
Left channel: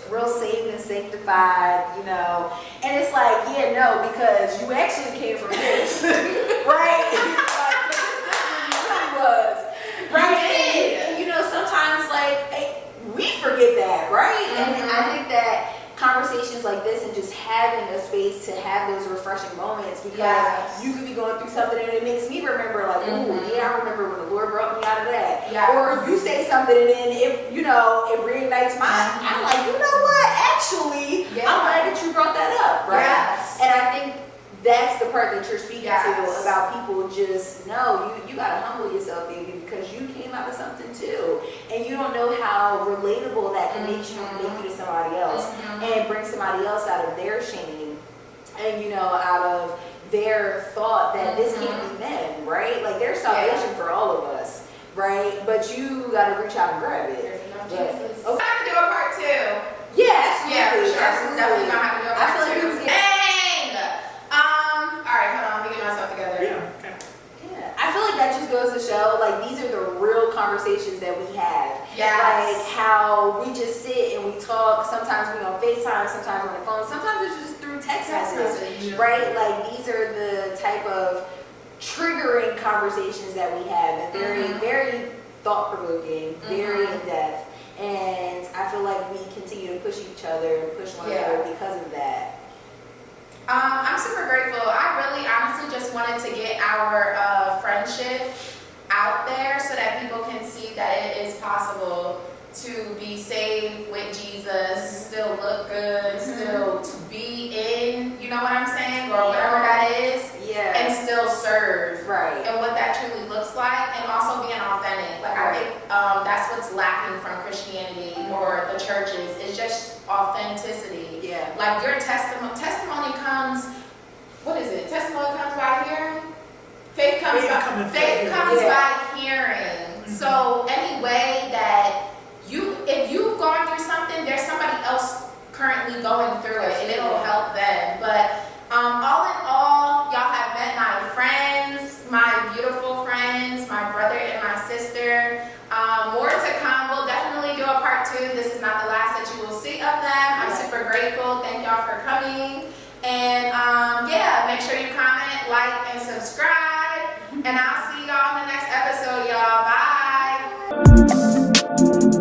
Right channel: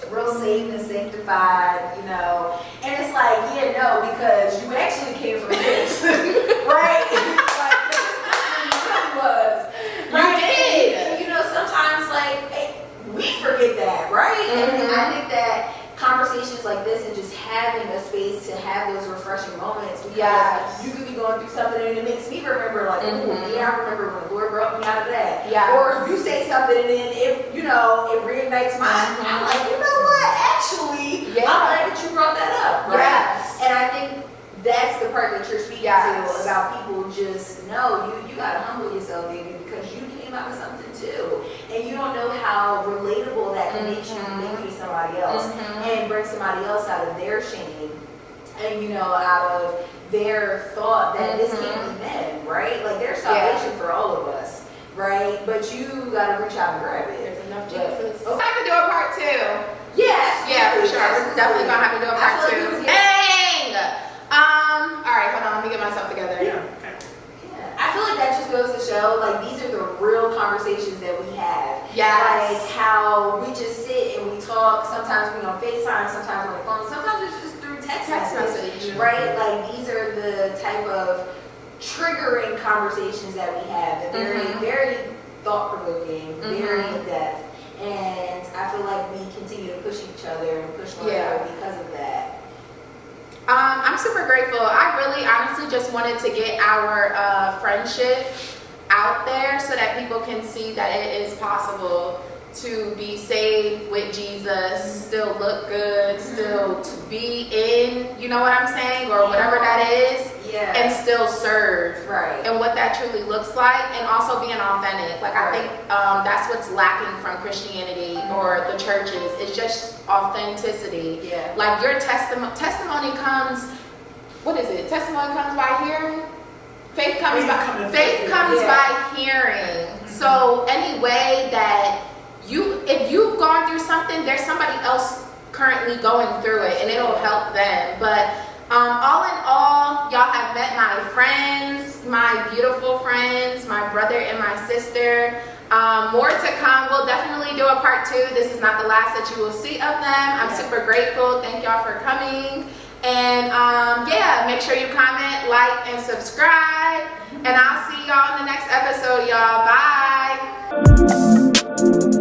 real saved and sanctified, you know. And it's like, yeah, no, because you actually came from this, right? Like, this is where you really was, right? You did. And, you know, sometimes like we forget that, right? And I think that conversations like this and just having a space to have those refreshing moments because you could be going through something and it makes me remember like, ooh, yeah, I remember when the Lord brought me out of that. Or you say something and then it, you know, it reignites mine. I'm like, you know what? Actually, I'm glad that you brought that up, right? And I think that's the part that you're speaking to about people just know you gotta humble yourself, baby, because you came out of something too, and you don't know how relatable that can make you to somebody else, and bring somebody else out of their shame, and you know, out of their thought that this can't be them, right? Like there's salvation for all of us, right? But you gotta reach out and grab it. There's enough Jesus. Okay. I have to do a part 2. Yeah, absolutely. Yeah, for sure. Absolutely. We're definitely gonna have to do a part 2. I feel like Dang! All right, hold on, let me get myself together. Yeah. Okay. Yeah, I feel like that just goes to show, like, these are the real conversations that we have. Yes. Like, how we just sit and we talk. Sometimes we on FaceTime, sometimes on the phone, sometimes it's just through text message, right? Like, these are the type of triggering conversations that we have. And very thought-provoking, very in-depth. And I feel like we continue to push each other and push one another because of that. I'm super grateful. I really honestly just wanted to get our friendship out there so that people can see that it is possible to be saved with Jesus, still look good, still to be in, you know what I'm saying, or whatever that is, and still serve. Right. And what that truly looks like, and also being authentic. Like I think that's what's lacking from Christianity or the churches. It's just authenticity. Yeah. Like your testimony comes, what is it? Testimony comes by hearing. Faith comes by hearing. So any way that if you've gone through something, there's somebody else currently going through it, and it'll help them. But all in all, y'all have met my friends, my beautiful friends, my brother and my sister. More to come. We'll definitely do a part 2. This is not the last that you will see of them. I'm super grateful. Thank y'all for coming. And yeah, make sure you comment, like, and subscribe. And I'll see y'all in the next episode, y'all. Bye.